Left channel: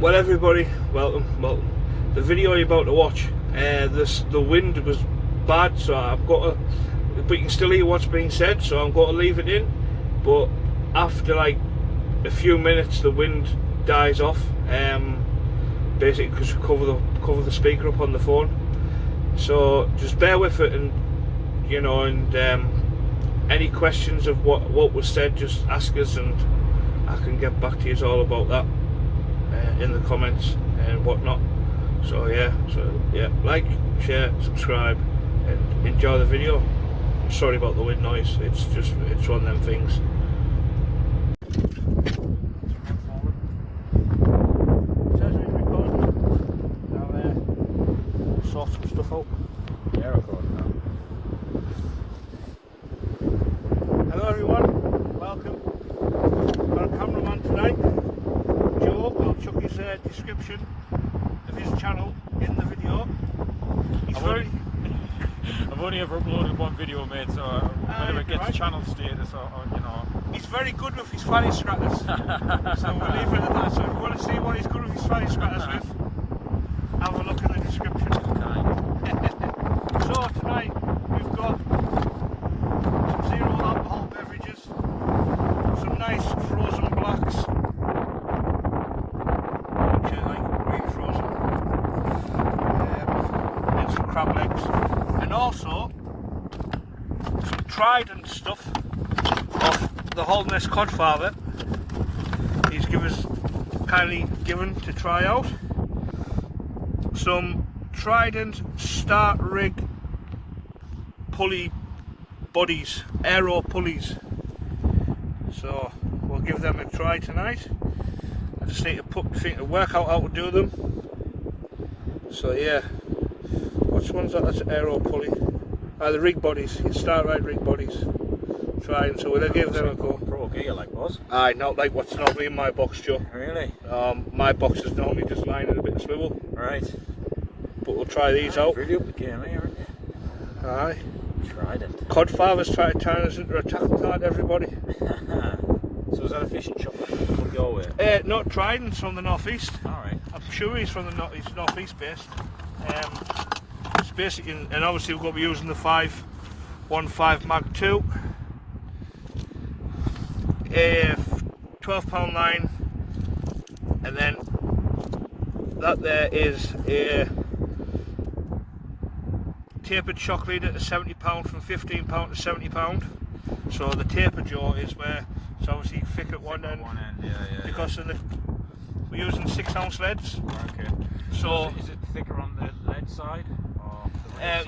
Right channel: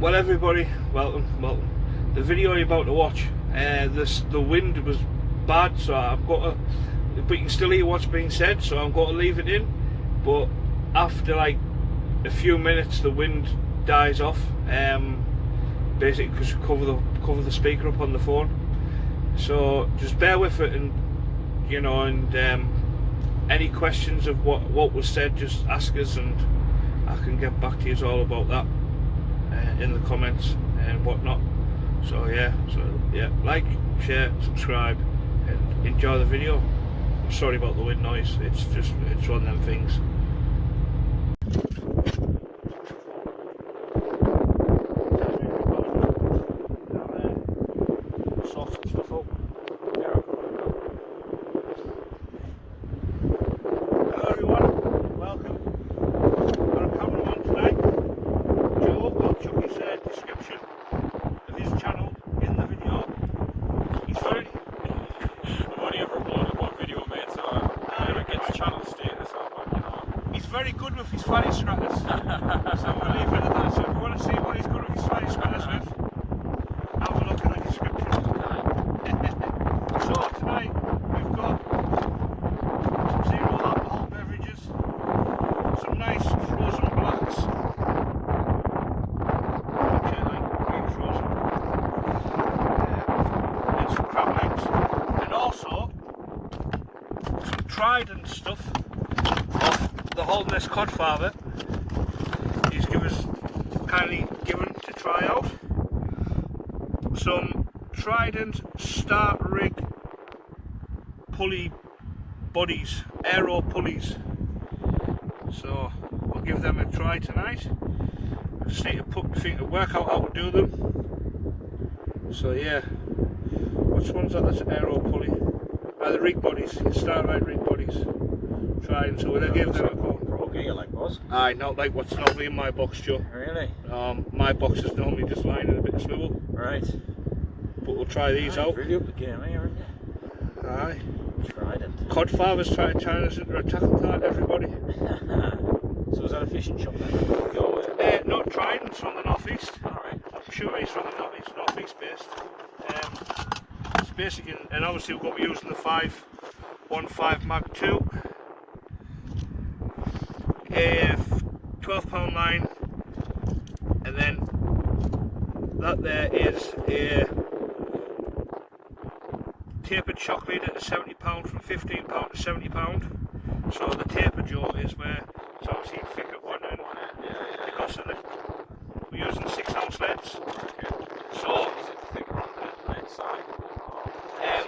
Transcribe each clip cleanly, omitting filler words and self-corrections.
Well, everybody, welcome. The video you're about to watch, the wind was bad, so I've got to, but you can still hear what's being said, so I'm going to leave it in. But after like a few minutes, the wind dies off. Basically, because cover the speaker up on the phone. So just bear with it, and you know, and any questions of what was said, just ask us, and I can get back to you all about that in the comments and whatnot. So yeah, like, share, subscribe, and enjoy the video. I'm sorry about the wind noise. It's one of them things. Sort some stuff up. Yeah, I've got it now. Hello everyone, welcome. Got a cameraman tonight, Joe. I'll chuck his description of his channel in the video. I've only ever uploaded one video, mate, so whenever it gets channel status, you know. He's very good with his fanny scratters. So we'll leave it at that. So if you want to see what he's good with his fanny scratters with, have a look at the description. So tonight we've got some zero alcohol beverages, some nice frozen blacks, actually like really frozen, and some crab legs, and also some Trident stuff of the Holderness Codfather. He's kindly given to try out some Trident start rig pulley bodies, aero pulleys. So we'll give them a try tonight. I just need to work out how to do them. So yeah, which one's that? That's an aero pulley. The rig bodies, start right rig bodies. Trident. So we'll give them a go. Pro gear like was? Aye, not like what's normally in my box, Joe. Really? My box is normally just lying in a bit of swivel. Right. But we'll try these out. Really up the game, aren't you? Aye. Trident. Codfather's trying to turn us into a tackle card, everybody. So is that a fishing shop then? Your way? No, Trident's from the northeast. Alright. I'm sure he's from the northeast based. It's basically, and obviously we're going to be using the 515 Mag 2. 12-pound line, and then that there is a tapered shock leader to 70 pound, from 15 pound to 70 pound. So the tapered jaw is where it's obviously thick at one end, because of we're using 6-ounce leads. Okay. So is it thicker on the lead side?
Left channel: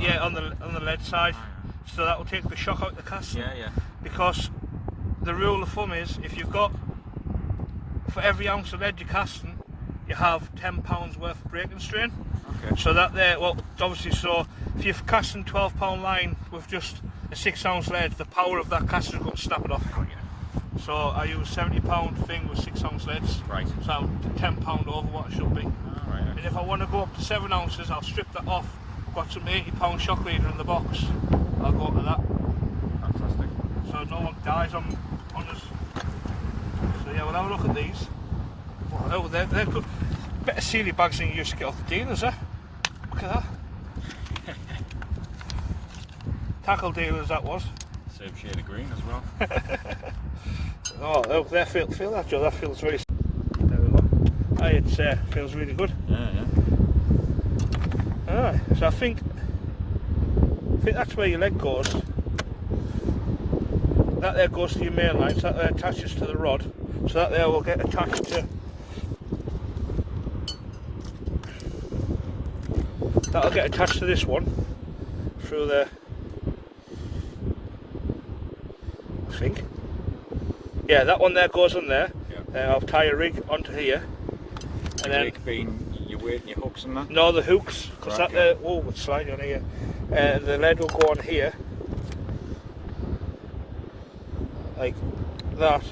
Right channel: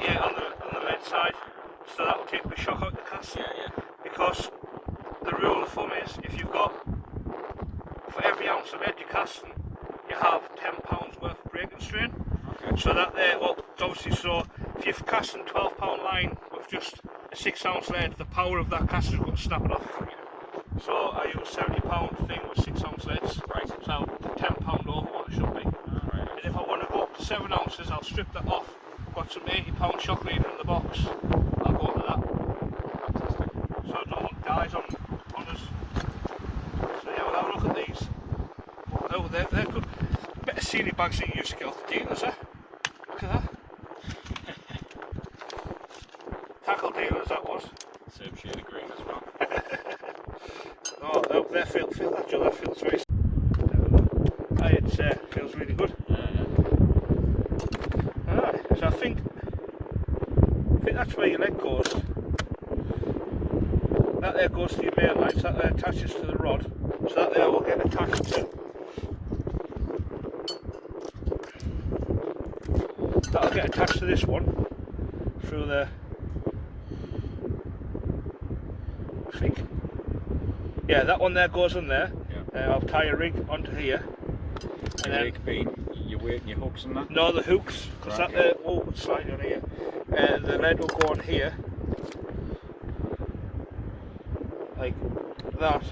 yeah, on the lead side. So that will take the shock out the cast. Yeah. Because the rule of thumb is, if you've got, for every ounce of lead you're casting, you have 10 pounds worth of breaking strain. Okay. So that there, well, obviously, so if you're casting 12-pound line with just a 6-ounce lead, the power of that cast is going to snap it off. So I use 70-pound thing with 6-ounce leads. Right. So 10 pound over what it should be. Alright. And if I want to go up to 7 ounces, I'll strip that off. Got some 80-pound shock leader in the box. I'll go to that. Fantastic. So I don't want guys on us. So yeah, we'll have a look at these. Oh, they're good. Better sealy bags than you used to get off the dealers, eh? Look at that. Tackle dealers, that was. Same shade of green as well. Oh, there, feel that, Joe. That feels very. There we go. Aye, it feels really good. Yeah. Alright, so I think that's where your leg goes. That there goes to your main line, so that there attaches to the rod, so that there will get attached to. That'll get attached to this one through there. I think. Yeah, that one there goes on there. Yeah. I'll tie a rig onto here. And then being your weight and your hooks and that? No, the hooks. Because right, that there, oh, it's sliding on here. And the lead will go on here. Like that.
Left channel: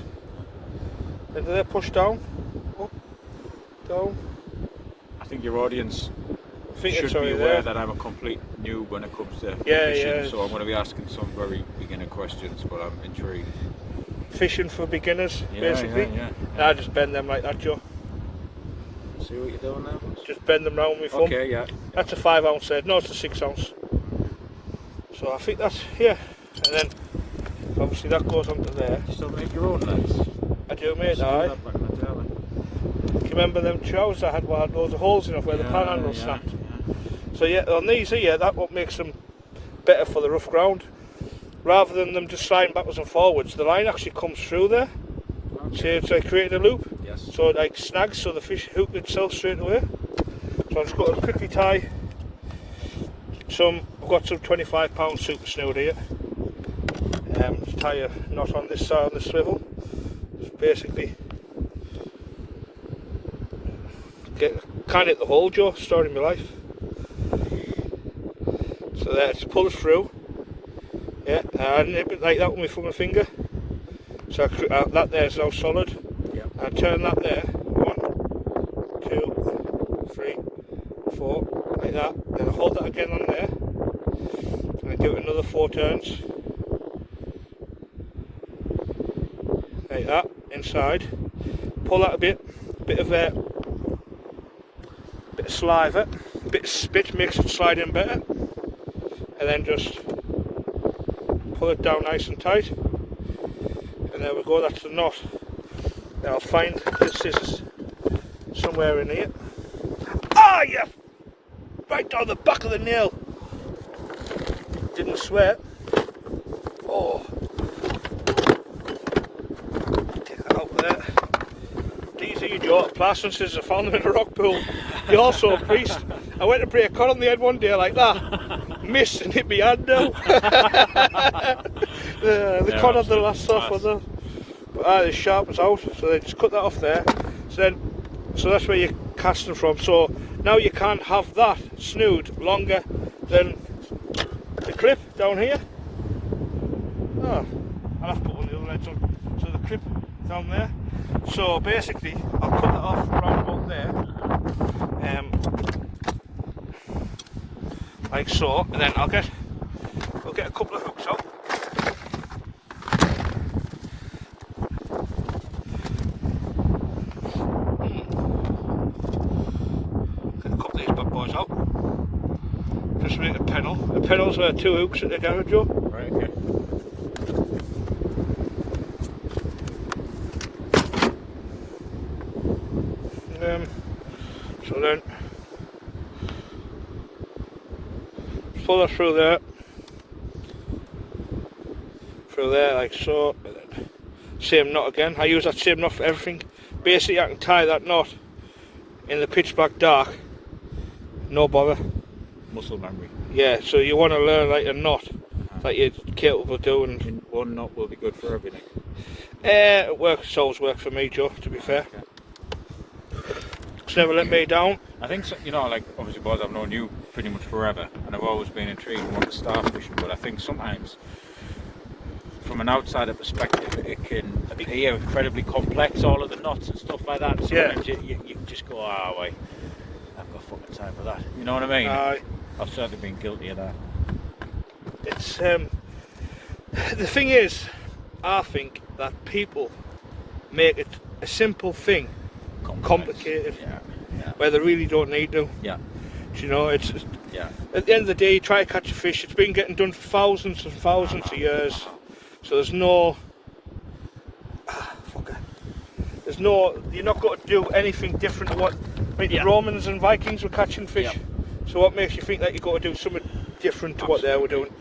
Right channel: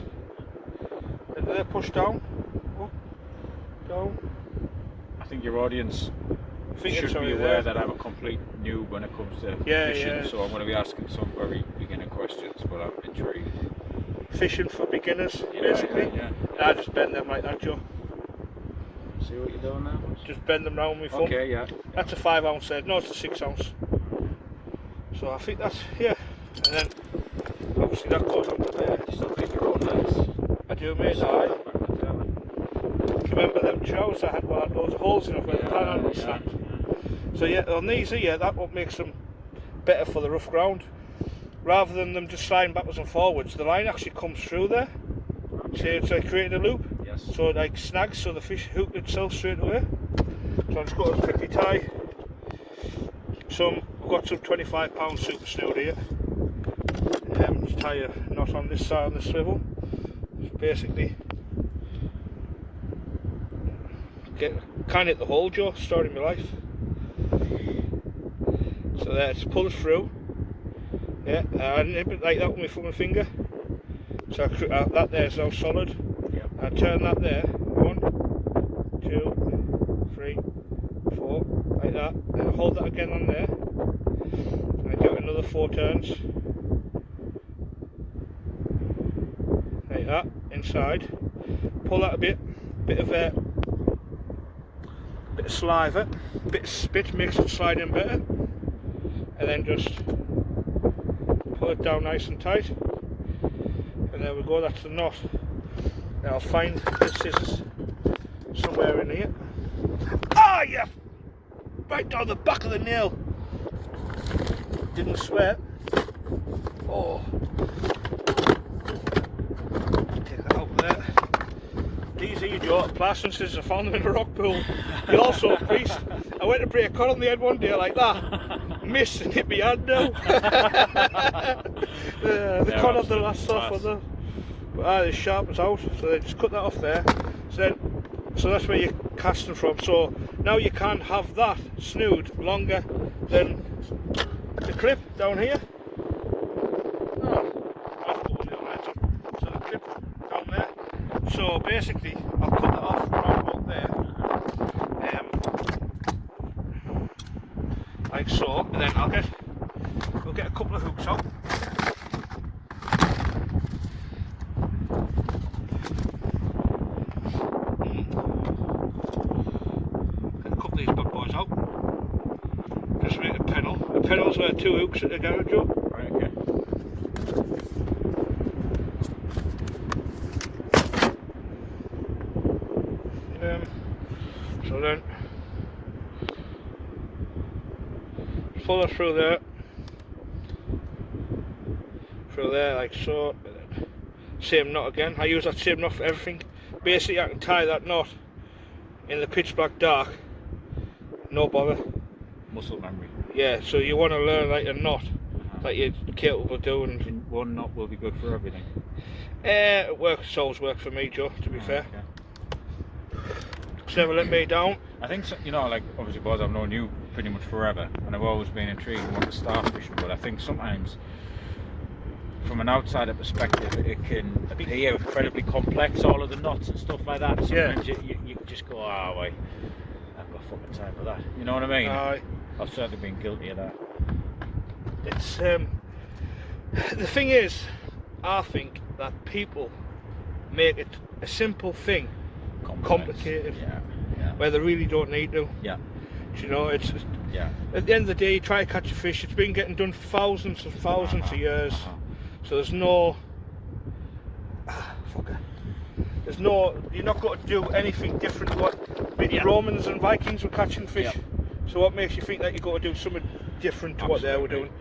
And they're pushed down. Up, down. I think your audience should be aware that I'm a complete noob when it comes to fishing, so I'm going to be asking some very beginner questions, but I'm intrigued. Fishing for beginners, basically. Yeah. I just bend them like that, Joe. See what you're doing there? Just bend them round with my thumb. Okay, yeah. That's a 5 ounce head. No, it's a 6 ounce. So I think that's, yeah. And then, obviously that goes onto there. You still make your own nets? I do, mate. Aye. Do you remember them troughs I had where I had loads of holes in it where the panel was snapped? So yeah, on these here, that's what makes them better for the rough ground. Rather than them just sliding backwards and forwards, the line actually comes through there. Okay. So it's like creating a loop. Yes. So it like snags, so the fish hook itself straight away. So I'm just going to quickly tie some, I've got some 25-pound super snood here. Just tie a knot on this side on the swivel. So basically, can't hit the hole, Joe, story of my life. So there, just pull it through. Yeah, I nip it like that with my finger. So that there is now solid. Yeah. I turn that there. 1, 2, 3, 4, like that. Then I hold that again on there. And I do another 4 turns. Like that, inside. Pull out a bit of saliva, a bit of spit makes it slide in better. And then just pull it down nice and tight. And there we go, that's the knot. Now I'll find the scissors somewhere in here. Ah, yeah! Right down the back of the nail. Didn't sweat. Oh. Take that out there. These are your Joe, plastic scissors. I found them in a rock pool. They also a priest. I went to break a cut on the head one day like that. Missed and hit me hand now. The cut had the last off of them. But the sharp was out, so then just cut that off there. So that's where you're casting from. So now you can't have that snood longer than the clip down here. Oh, I'll have to put the other edge on. So the clip down there. So basically, I'll cut that off round about there. Like so, and then I'll get a couple of hooks out. Get a couple of these big boys out. Just make a pedal. The pedals are 2 hooks at the garage, Joe. Right, okay. So then pull that through there like so. Same knot again. I use that same knot for everything. Basically I can tie that knot in the pitch black dark, no bother. Muscle memory. Yeah, so you want to learn like a knot that you're capable of doing. And one knot will be good for everything. It works, it's always worked for me, Joe, to be fair. Okay. It's never let me down. I think, so, you know, like obviously Boz, I've known you pretty much forever and I've always been intrigued and wanted to start fishing, but I think sometimes from an outsider perspective it can appear incredibly complex, all of the knots and stuff like that. Sometimes you just go, oh wait, I've got fucking time for that. You know what I mean? I've certainly been guilty of that. It's the thing is, I think that people make it a simple thing complicated, where they really don't need to. Yeah. You know, it's at the end of the day, you try to catch a fish. It's been getting done for thousands and thousands of years. So there's no, there's no, you're not going to do anything different to what the Romans and Vikings were catching fish. So what makes you think that you've got to do something different to what they were doing?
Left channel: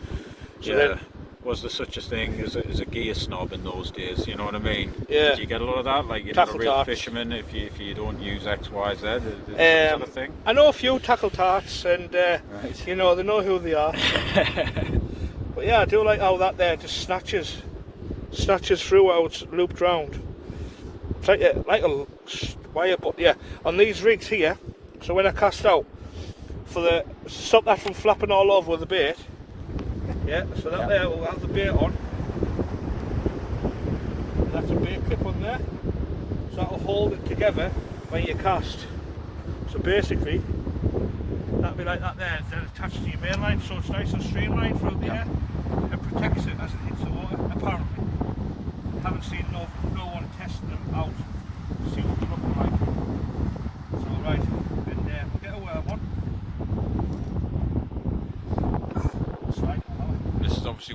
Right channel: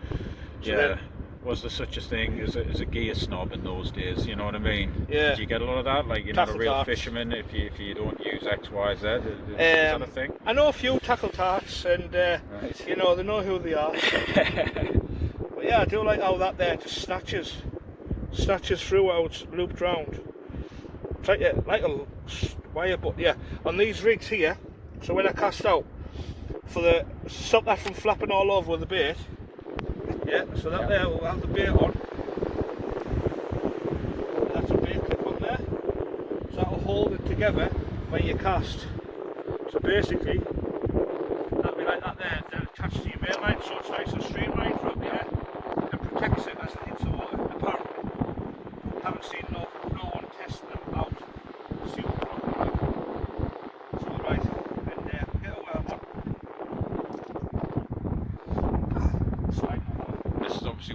So then, was there such a thing as a gear snob in those days? You know what I mean? Yeah. Did you get a lot of that? Like, you're not a real fisherman if you don't use X, Y, Z? Is that a thing? I know a few tackle tarts, and you know, they know who they are. But yeah, I do like how that there just snatches through how it's looped round. It's like a wire, but yeah, on these rigs here. So when I cast out, stop that from flapping all over with the bait. Yeah, so that there will have the bait on. And that's a bait clip on there. So that will hold it together when you cast. So basically, that'll be like that there, then attached to your main line, so it's nice and streamlined from there. And protects it as it hits the water, apparently. I haven't seen no one testing them out to see what they look like. So right.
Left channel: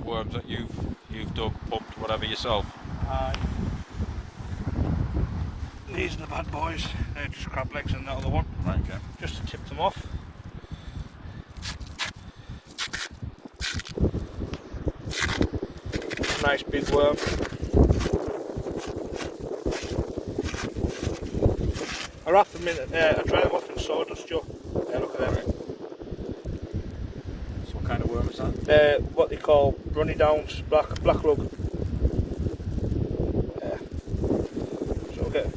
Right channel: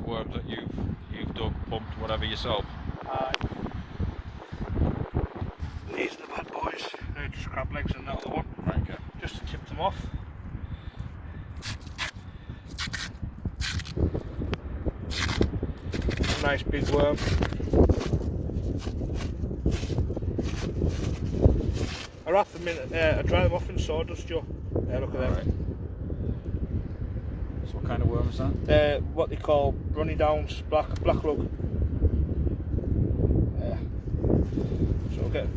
worms that you've dug, pumped, whatever yourself. These are the bad boys. They're just crab legs and that other one. Right, okay. Just to tip them off. A nice big worm. I wrap them in, I dry them off in sawdust, Joe. Yeah, look at that. Right. So what kind of worm is that? What they call runny downs, black lug. So I'll get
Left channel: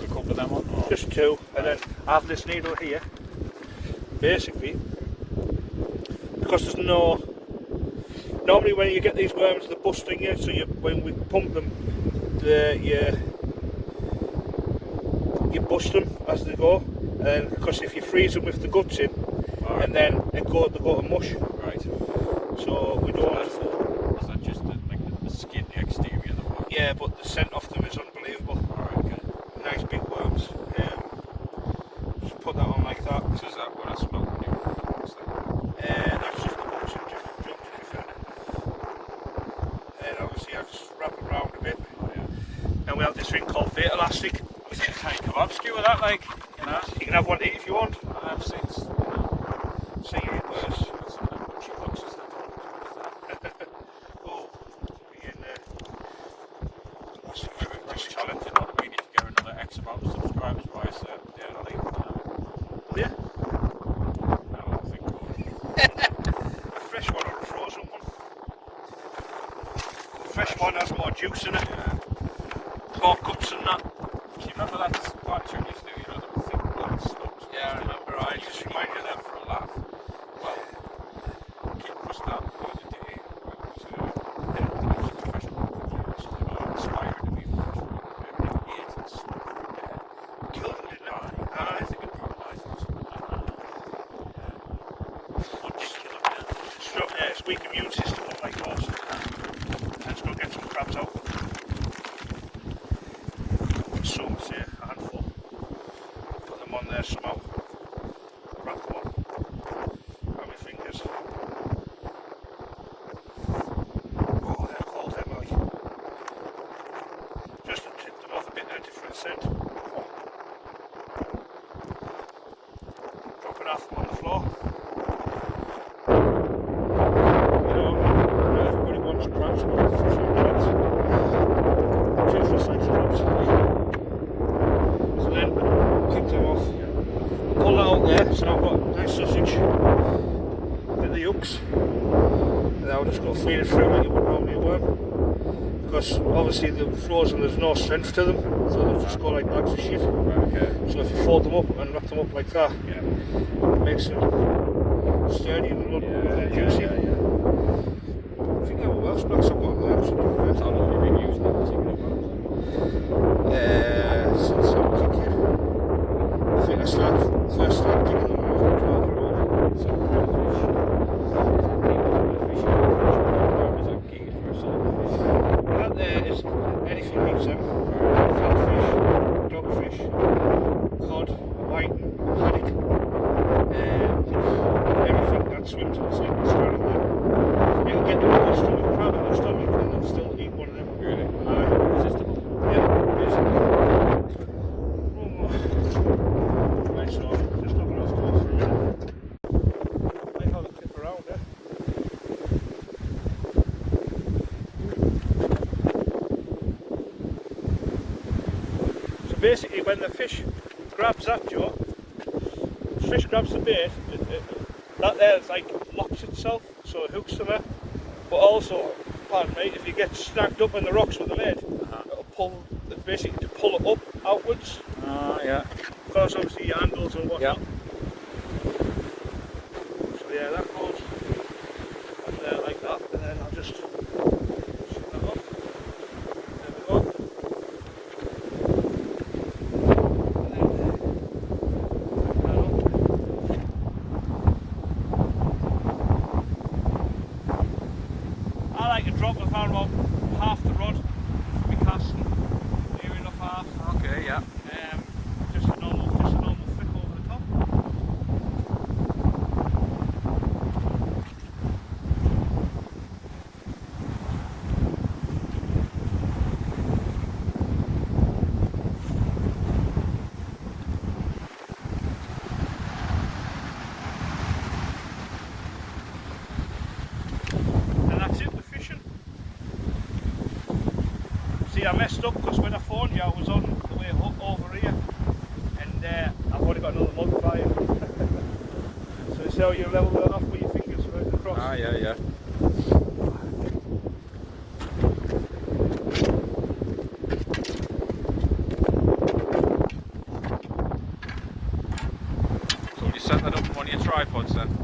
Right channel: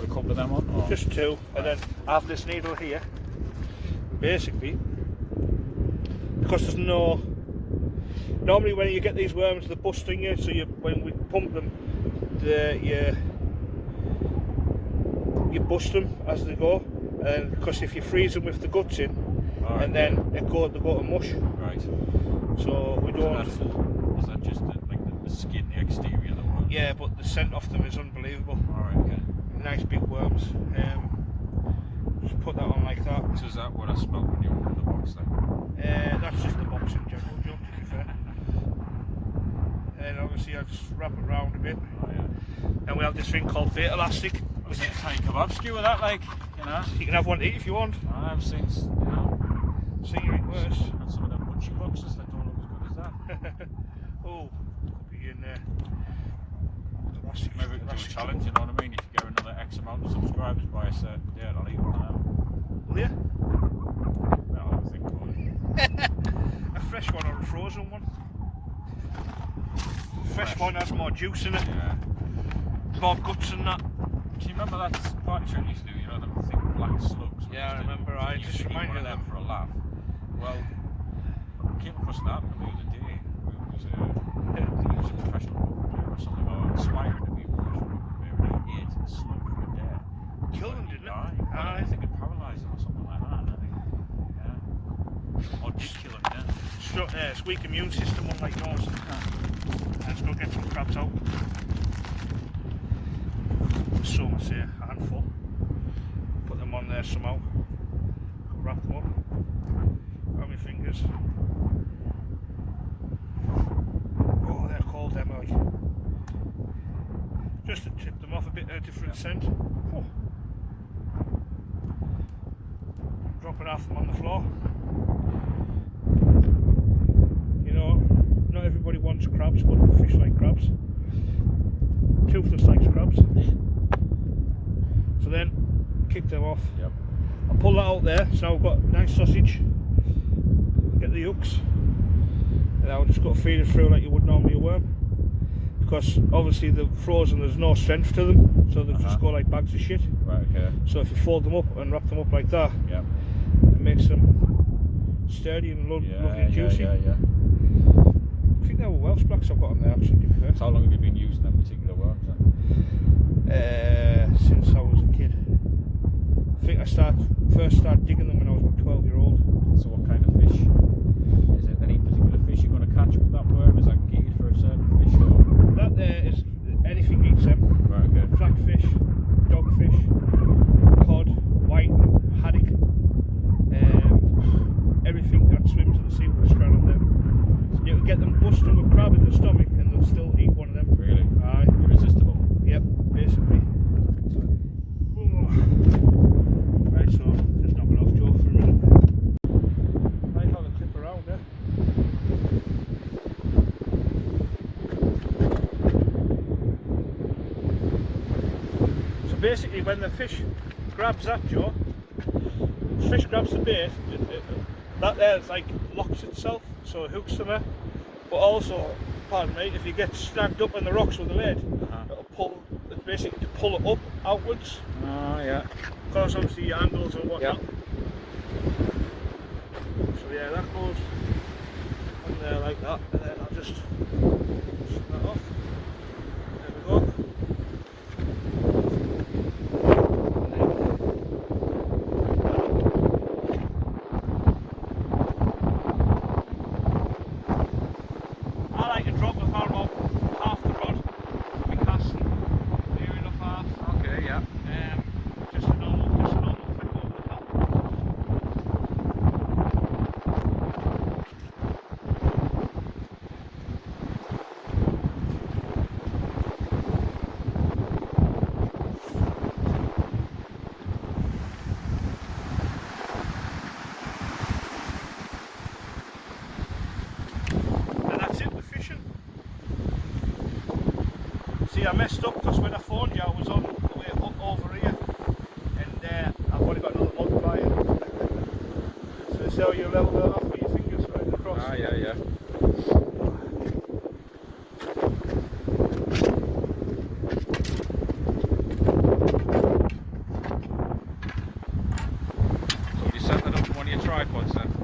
Put a couple of them on? Or? just two, and then I have this needle here. Basically, because there's no. Normally, when you get these worms, they're busting you. So when we pump them, you bust them as they go, and because if you freeze them with the guts in, right. and then they go to mush. Right. So we don't. Is that just the skin, the exterior of the worm? Yeah, but the scent off them is unbelievable. Alright, okay. Nice big worms. Just put that on like that. So is that what I smelled when you were in the box then? That's just the box and just jump to be fair. And obviously I just wrap it around a bit. Oh yeah. And we have this thing called bait elastic. I was going to say kebab skewer that, like, you know. You can have one to eat if you want. I've seen, you know. See you eat worse. Some of them butcher boxes that don't look as good as that. Oh, begin there. Maybe it was a challenge, you know what I mean? If you get another X amount of subscribers by a certain day, I'll eat one of them. Oh yeah? No, I think good. A fresh one or a frozen one? The fresh one has more juice in it. Yeah. More guts and that. Do you remember that part you used to do, you know, the thick black slugs? Yeah, I remember. I used just to eat one reminded of them for a laugh. Well, Kid Crushed that the other day. It was a professional or something, or aspiring to be a professional. He ate a slug for a day. Killed him, didn't it? I think it paralysed or something like that. Yeah. One did kill him, yeah. It's weak immune system, not like yours. Let's go get some crabs out. Some, say, a handful. Put them on there somehow. Wrap them on. Grab my fingers. Oh, they're cold, Emily. Just to tip them off a bit of a different scent. Oh. Drop it off them on the floor. You know, everybody wants crabs, but fish like crabs. Two fish like crabs. So then, kick them off. I'll pull that out there, so I've got a nice sausage. Get the hooks. And now I've just got to feed it through like you would normally a worm. Because obviously the frozen, there's no strength to them, so they'll just go like bags of shit. Right, okay. So if you fold them up and wrap them up like that, Yeah. it makes them sturdy and juicy. Yeah. I think they were Welsh blacks I've got on there. Actually. How long have you been using that particular worms then? Since I was a kid. I think I first started digging them when I was 12-year-old. So what kind of fish? Is it any particular fish you can catch on that worm? Is that geared for a certain fish? That there is anything meets them. Right. Flatfish, dogfish, cod, whiting, haddock, everything that swims in the same straddle them. You can get them pushed from a crab in the stomach and they'll still eat one of them. Really? Aye. Irresistible. Yeah, basically. Right, so just knock it off to for a minute. Might have a clip around there. So basically when the fish grabs that jaw, the fish grabs the bait, that there like locks itself, so it hooks to there. But also, pardon me, if you get snagged up in the rocks with the lead, it'll pull, basically pull it up outwards. Yeah. Because obviously your angles and whatnot. Yeah. So yeah, that goes on there like that, and then I'll just shoot that off. There we go. I like to drop the fan about half the rod because near enough half. Okay, yeah. Just a normal flip over the top. I messed up because when I phoned you I was on the way up over here and I've already got another multiplier. So it's how you level it off with your fingers right across. Ah, yeah. So have you set that up on one of your tripods then?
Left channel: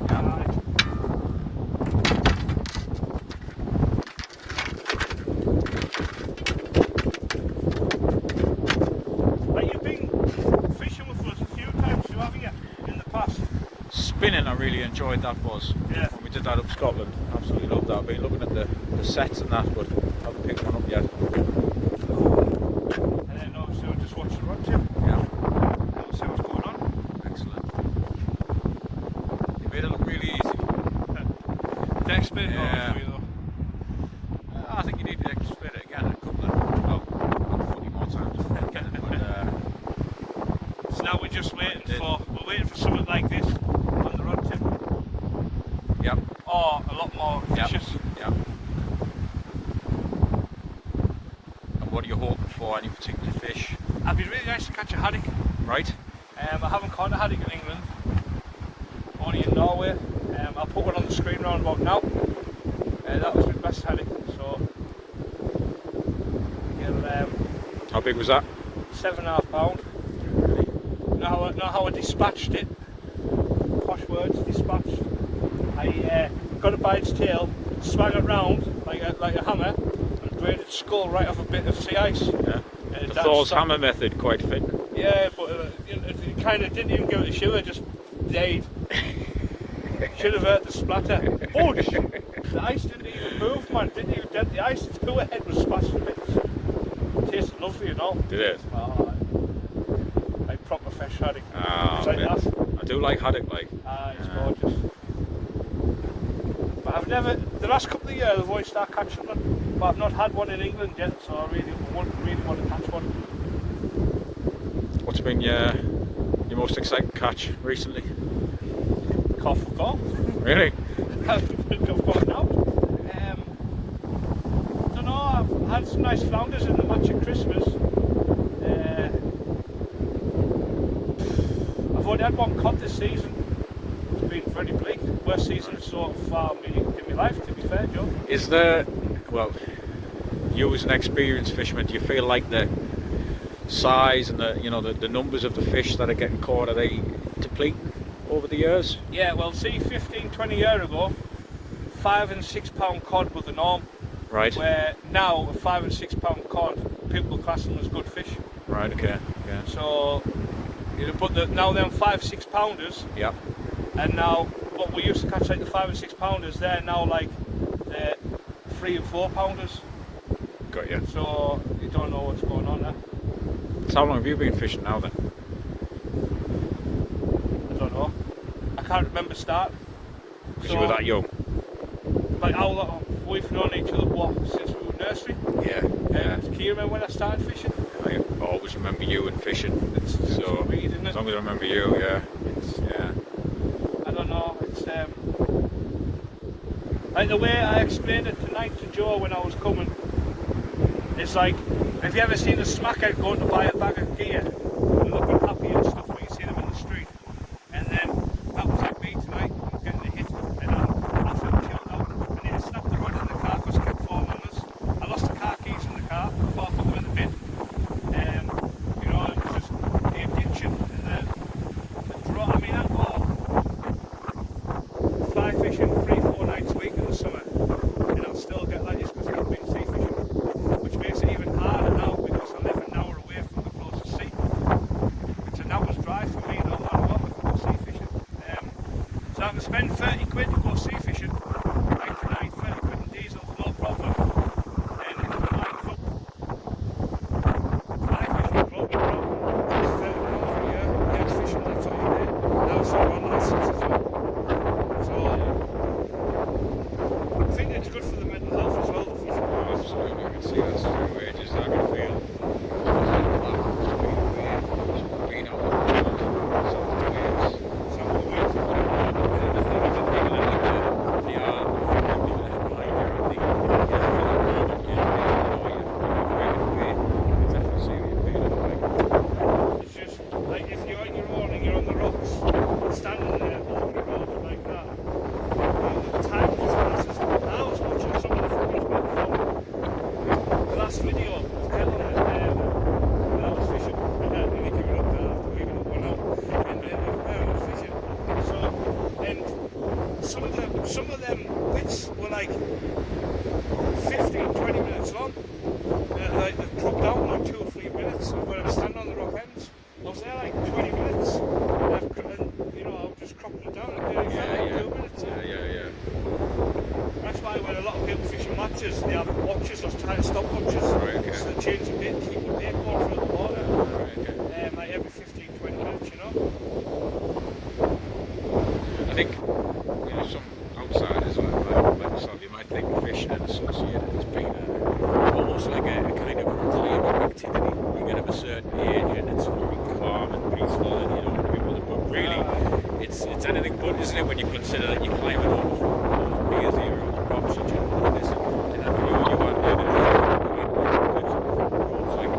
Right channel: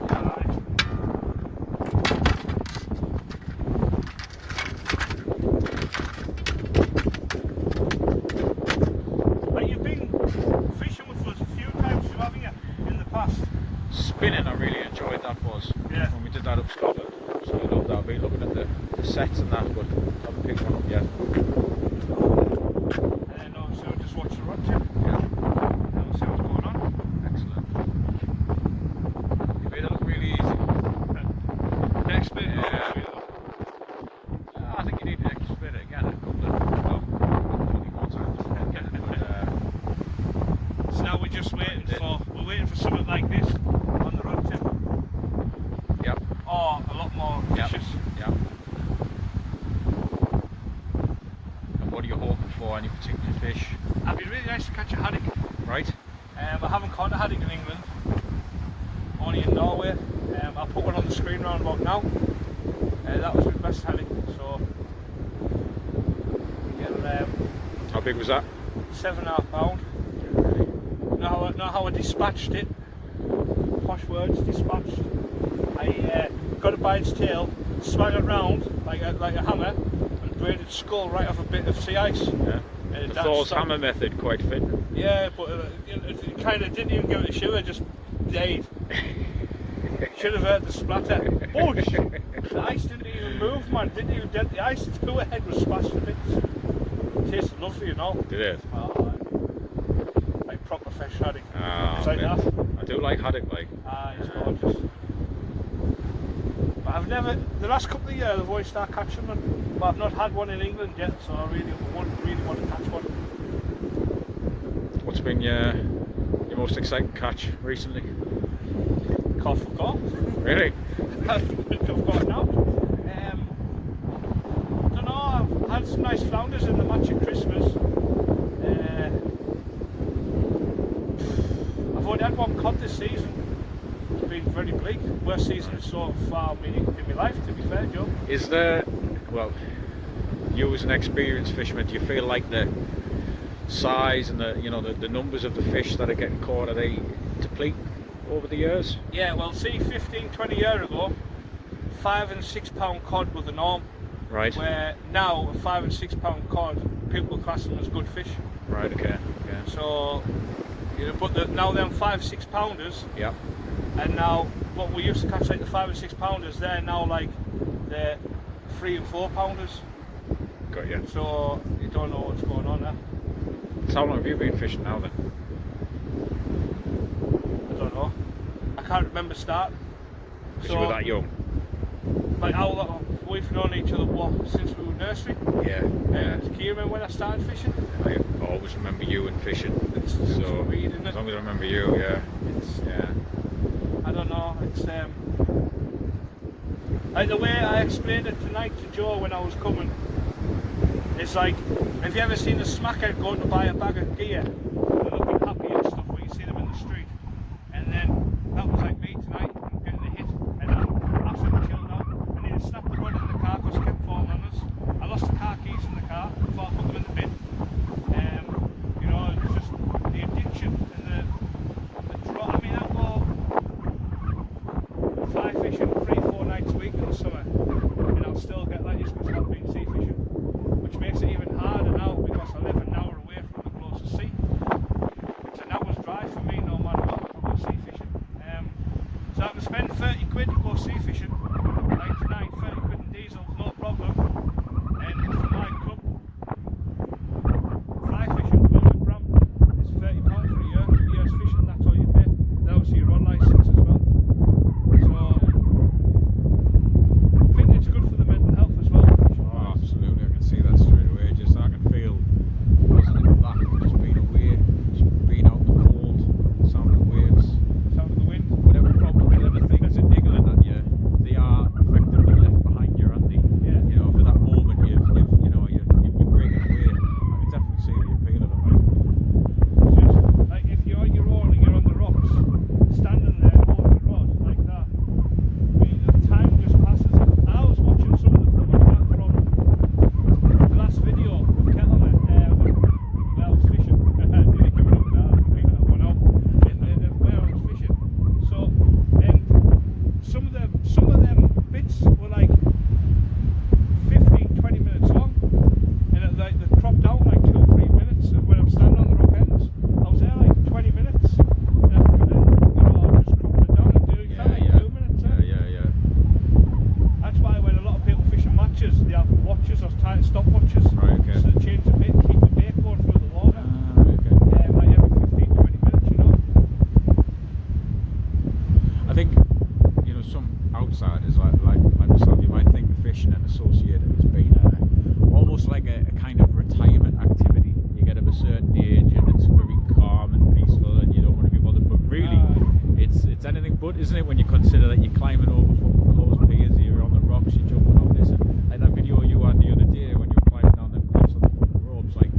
Spinning, I really enjoyed that buzz. Yeah. When we did that up Scotland, absolutely loved that. I've been looking at the sets and that, but haven't picked one up yet. And also just watch the rod tip. Yeah. And see what's going on. Excellent. You made it look really easy. Next bit. Yeah. I think you need to explain it again a couple of, well, 40 more times. But, so now we're just waiting we're waiting for something like this on the rod tip. Yep. Or a lot more fishes. Yep. And what are you hoping for? Any particular fish? It'd be really nice to catch a haddock. Right. I haven't caught a haddock in England, only in Norway. I'll put one on the screen round about now. That was my best haddock, so How big was that? 7.5 pound. Know how I dispatched it. Posh words, dispatched. I got it by its tail, swung it round like a hammer, and grated skull right off a bit of sea ice. Yeah. The Thor's hammer method, quite fit. Yeah, but it kind of didn't even give it a shiver, just died. Should have heard the splatter. Budge! The ice didn't even move, man. Didn't even dent the ice. Its cooler head was splashed with bits. Tasted lovely, you know. Did it? Like proper fresh haddock. Ah, It's like that. I do like haddock, like. It's gorgeous. But I've never, the last couple of years I've always started catching them, but I've not had one in England yet, so I really want to catch one. What's been your most exciting catch recently? Cough for cough. Really? I've got now. I don't know, I've had some nice flounders in the match at Christmas. I've already had one cod this season. It's been very bleak. Worst season so far in my life, to be fair, Joe. Is there, well, you as an experienced fisherman, do you feel like the size and the numbers of the fish that are getting caught, are they depleting over the years? Yeah, well, see, 15-20 years ago, 5 and 6 pound cod were the norm. Right. Where now a 5 and 6 pound cod, people class them as good fish. Right. Okay. Yeah. So, but now them 5-6 pounders. Yep. And now what we used to catch like the 5 and 6 pounders, they're now like the 3 and 4 pounders. Got you. So you don't know what's going on there. So how long have you been fishing now then? I don't know. I can't remember starting. Because you were that young. Like how long we've known each other since we were nursery. Yeah. Yeah. Can you remember when I started fishing? I always remember you and fishing. It's So weird, isn't it? as long as I remember you, yeah. Yeah. I don't know. It's like the way I explained it tonight to Joe when I was coming. It's like, have you ever seen a smackhead going to buy a bag of gear? They're looking happy and stuff when you see them in the street. And then that was like me tonight, getting the hit, and then after I chilled out, and then I stopped the rod in the car because it kept falling on us. I lost the car keys in the car, thought I put them in the bin. You know, it was just the addiction and then the draw. I mean, I've got fly fishing 3-4 nights a week in the summer, and I'll still get like this because I've been sea fishing, which makes it even harder now because I live an hour away from the closest sea. It's an hour's drive for me no matter what if I go sea fishing. So I can spend 30 quid to go sea fishing, like tonight, 30 quid in diesel, no problem. And for my club, fly fishing club, it's 30 quid for a year, yes fishing, that's all you pay. Now it's all on license as well. So I think it's good for the mental health as well. Oh, absolutely. I can see that straight away. Just I can feel being out on the field, some of the waves. Some of the ways. The other thing is in England, like they are think, you know, some outsiders like myself, you might think fishing and associated as being almost like a kind of retirement activity. You get of a certain age and it's very calm and peaceful and you don't want to be bothered. But really, it's anything but, isn't it? When you consider that you're climbing over from those piers here on your rocks, you jump off this, and that video you had the other day, like,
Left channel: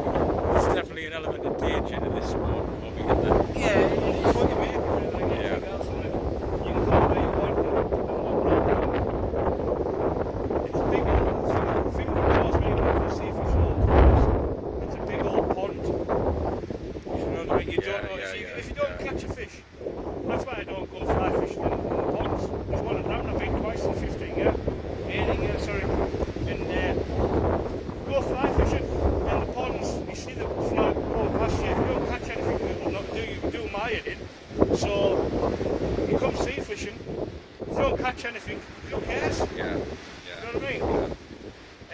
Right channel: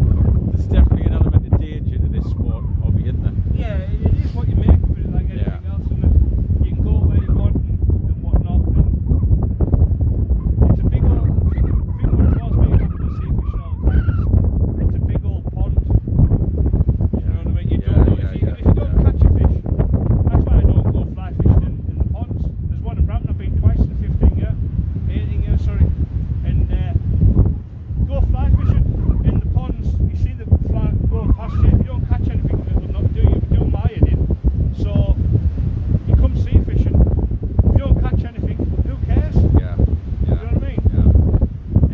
there's definitely an element of danger to this sport, hobby, isn't there? Yeah, it's what you make of it, like anything else, isn't it? You can go away and watch it, it's a big thing that cars when you get to sea fish and all the times. It's a big old pond. You know what I mean? You don't want to see, if you don't catch a fish, that's why I don't go fly fishing in the ponds. There's one around, I've been twice in 15 years. 18 years, sorry. And go fly fishing in the ponds, you see the fly going past you. If you don't catch anything, it will not do my head in. So you come sea fishing, if you don't catch anything, who cares? Yeah. You know what I mean?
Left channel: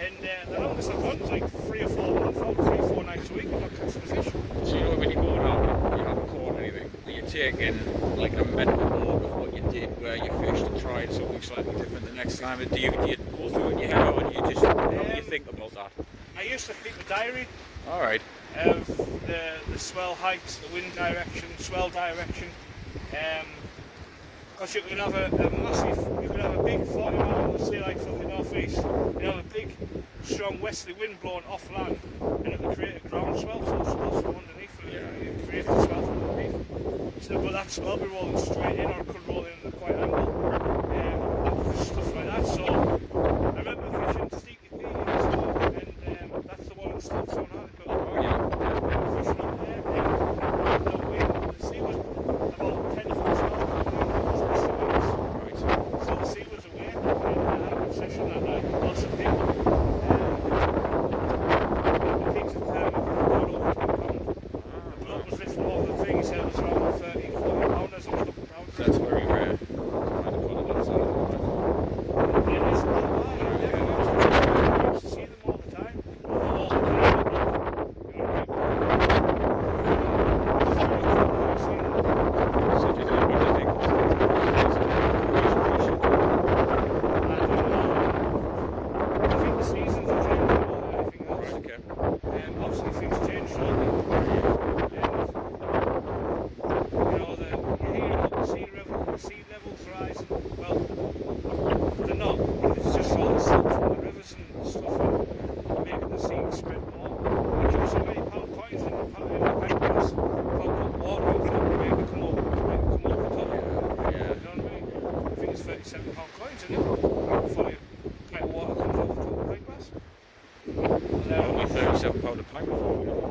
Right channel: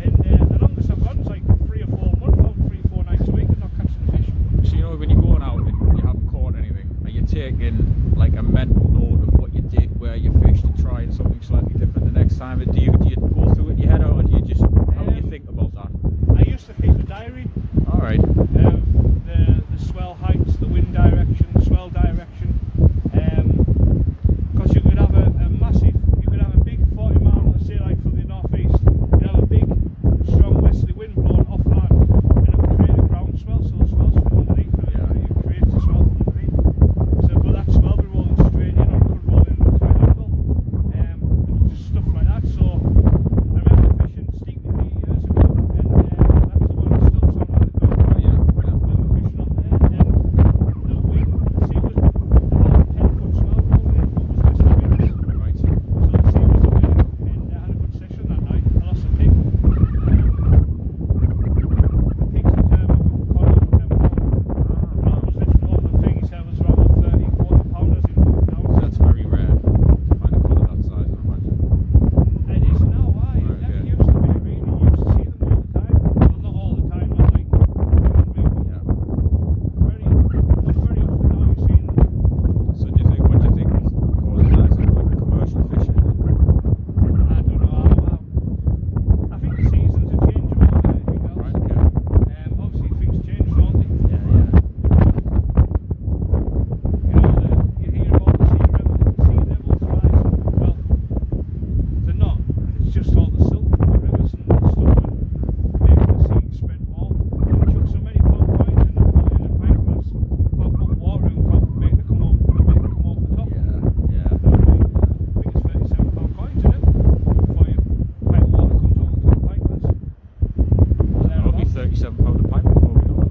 And the longest I've gone is like 3 or 4 months out, 3 or 4 nights a week, I'm not catching fish. So you know when you're going out and you haven't caught anything, and you're taking like a mental note of what you did, where you fished, and trying something slightly different the next time. Do you go through it in your head, or do you just how do you think about that? I used to keep a diary All right. of the swell heights, the wind direction, swell direction, because you could have a big 40 mile, let's say like from the northeast, you have a big strong westerly wind blowing off land and it would create a ground swell, so the swell from underneath it, it creates a swell from underneath. So but that swell would be rolling straight in or it could roll in at a right angle, stuff like that. So I remember fishing Steaky Bay and that's the one that stops on that. Oh yeah. Fishing up there, and the wind, the sea was about 10 foot swell, Right. so the sea was away, and I had a good session that night. Lost a pig. The pig's the fair. That was this more the thing, he said it was around 30, 40 pounders. That's very rare to find a cod of that size. Yeah, it's not bad. I used to see them all the time. All the time. So do you think, what do you think? Commercial fishing? I think the seasons are changing more than anything else. Right, okay. Obviously things change, don't they? You hear about the sea levels rising. Well, they're not. It's just all the silt from the rivers and stuff and making the sea spread more. Like you so many pound coins in the pancakes, put water in for them to make them come over the top. Yeah. I think it's 37 pound coins in it. For a pint of water comes over the top of the pint glass. That'll be £37 a pint before we know it.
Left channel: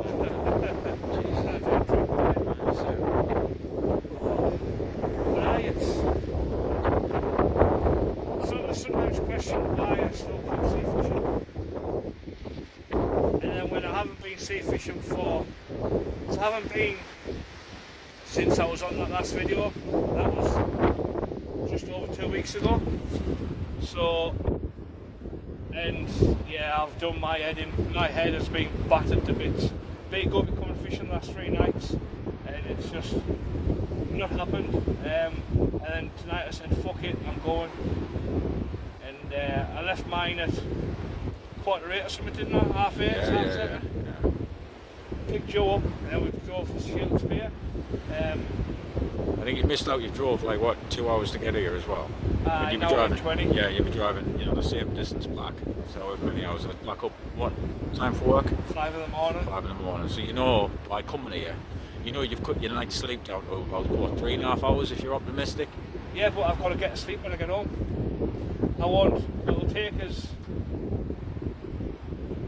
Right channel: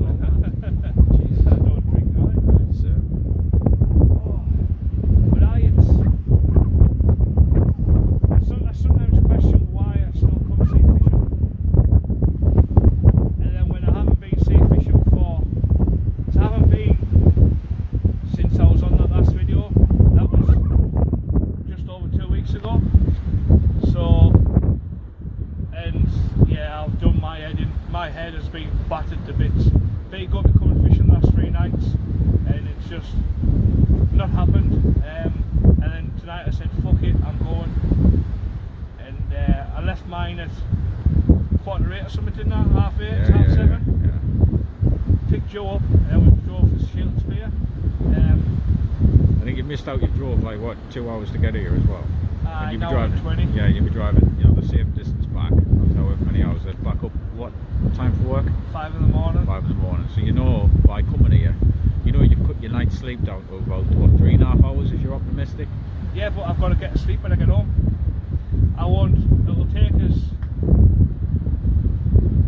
So, I sometimes question why I still keep sea fishing. And then when I haven't been sea fishing for, so I haven't been since I was on that last video, that was just over 2 weeks ago. So, and yeah, I've done my head in, my head has been battered to bits. Been good to come and fish in the last 3 nights, and it's just not happened. And then tonight I said, fuck it, I'm going. And I left mine at 7:15 or something, didn't I? 8:30, half 7. Picked Joe up, and we drove to Shildspeare. I think you missed out. You drove like what, 2 hours to get here as well. And you'd be an hour driving. and 20. Yeah, you'd be driving. You know, the same distance back. That's however many hours. Back up. What time for work? 5 in the morning. 5 in the morning. So you know, by coming here, you know you've cut your night's sleep down to about what, 3.5 hours if you're optimistic. Yeah, but I've got to get to sleep when I get home. It'll take us.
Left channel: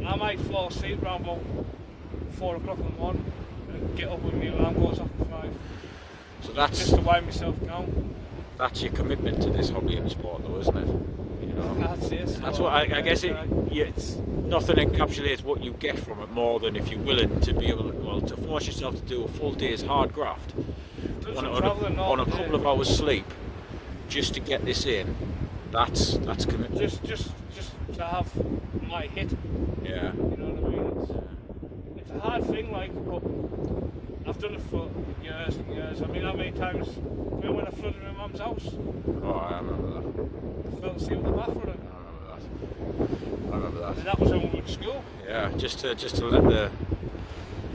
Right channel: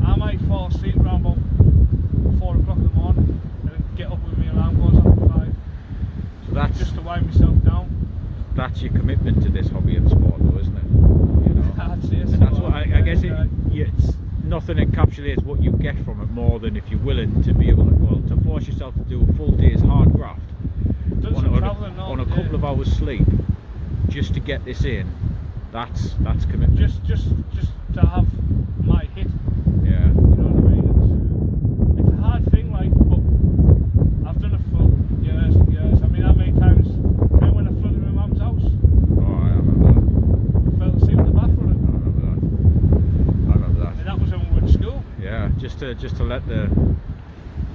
I might fall asleep around about 4 o'clock in the morning and get up when my alarm goes off at 5. So that's Just to wind myself down. That's your commitment to this hobby and sport, though, isn't it? You know, I'd say so. and that's what I guess nothing encapsulates what you get from it more than if you're willing to be able to force yourself to do a full day's hard graft on a couple of hours sleep just to get this in. That's commitment. Just to have my hit. Yeah. You know what I mean? It's a hard thing, like, but I've done it for years and years. I mean, how many times? When I flooded my mum's house, just to let the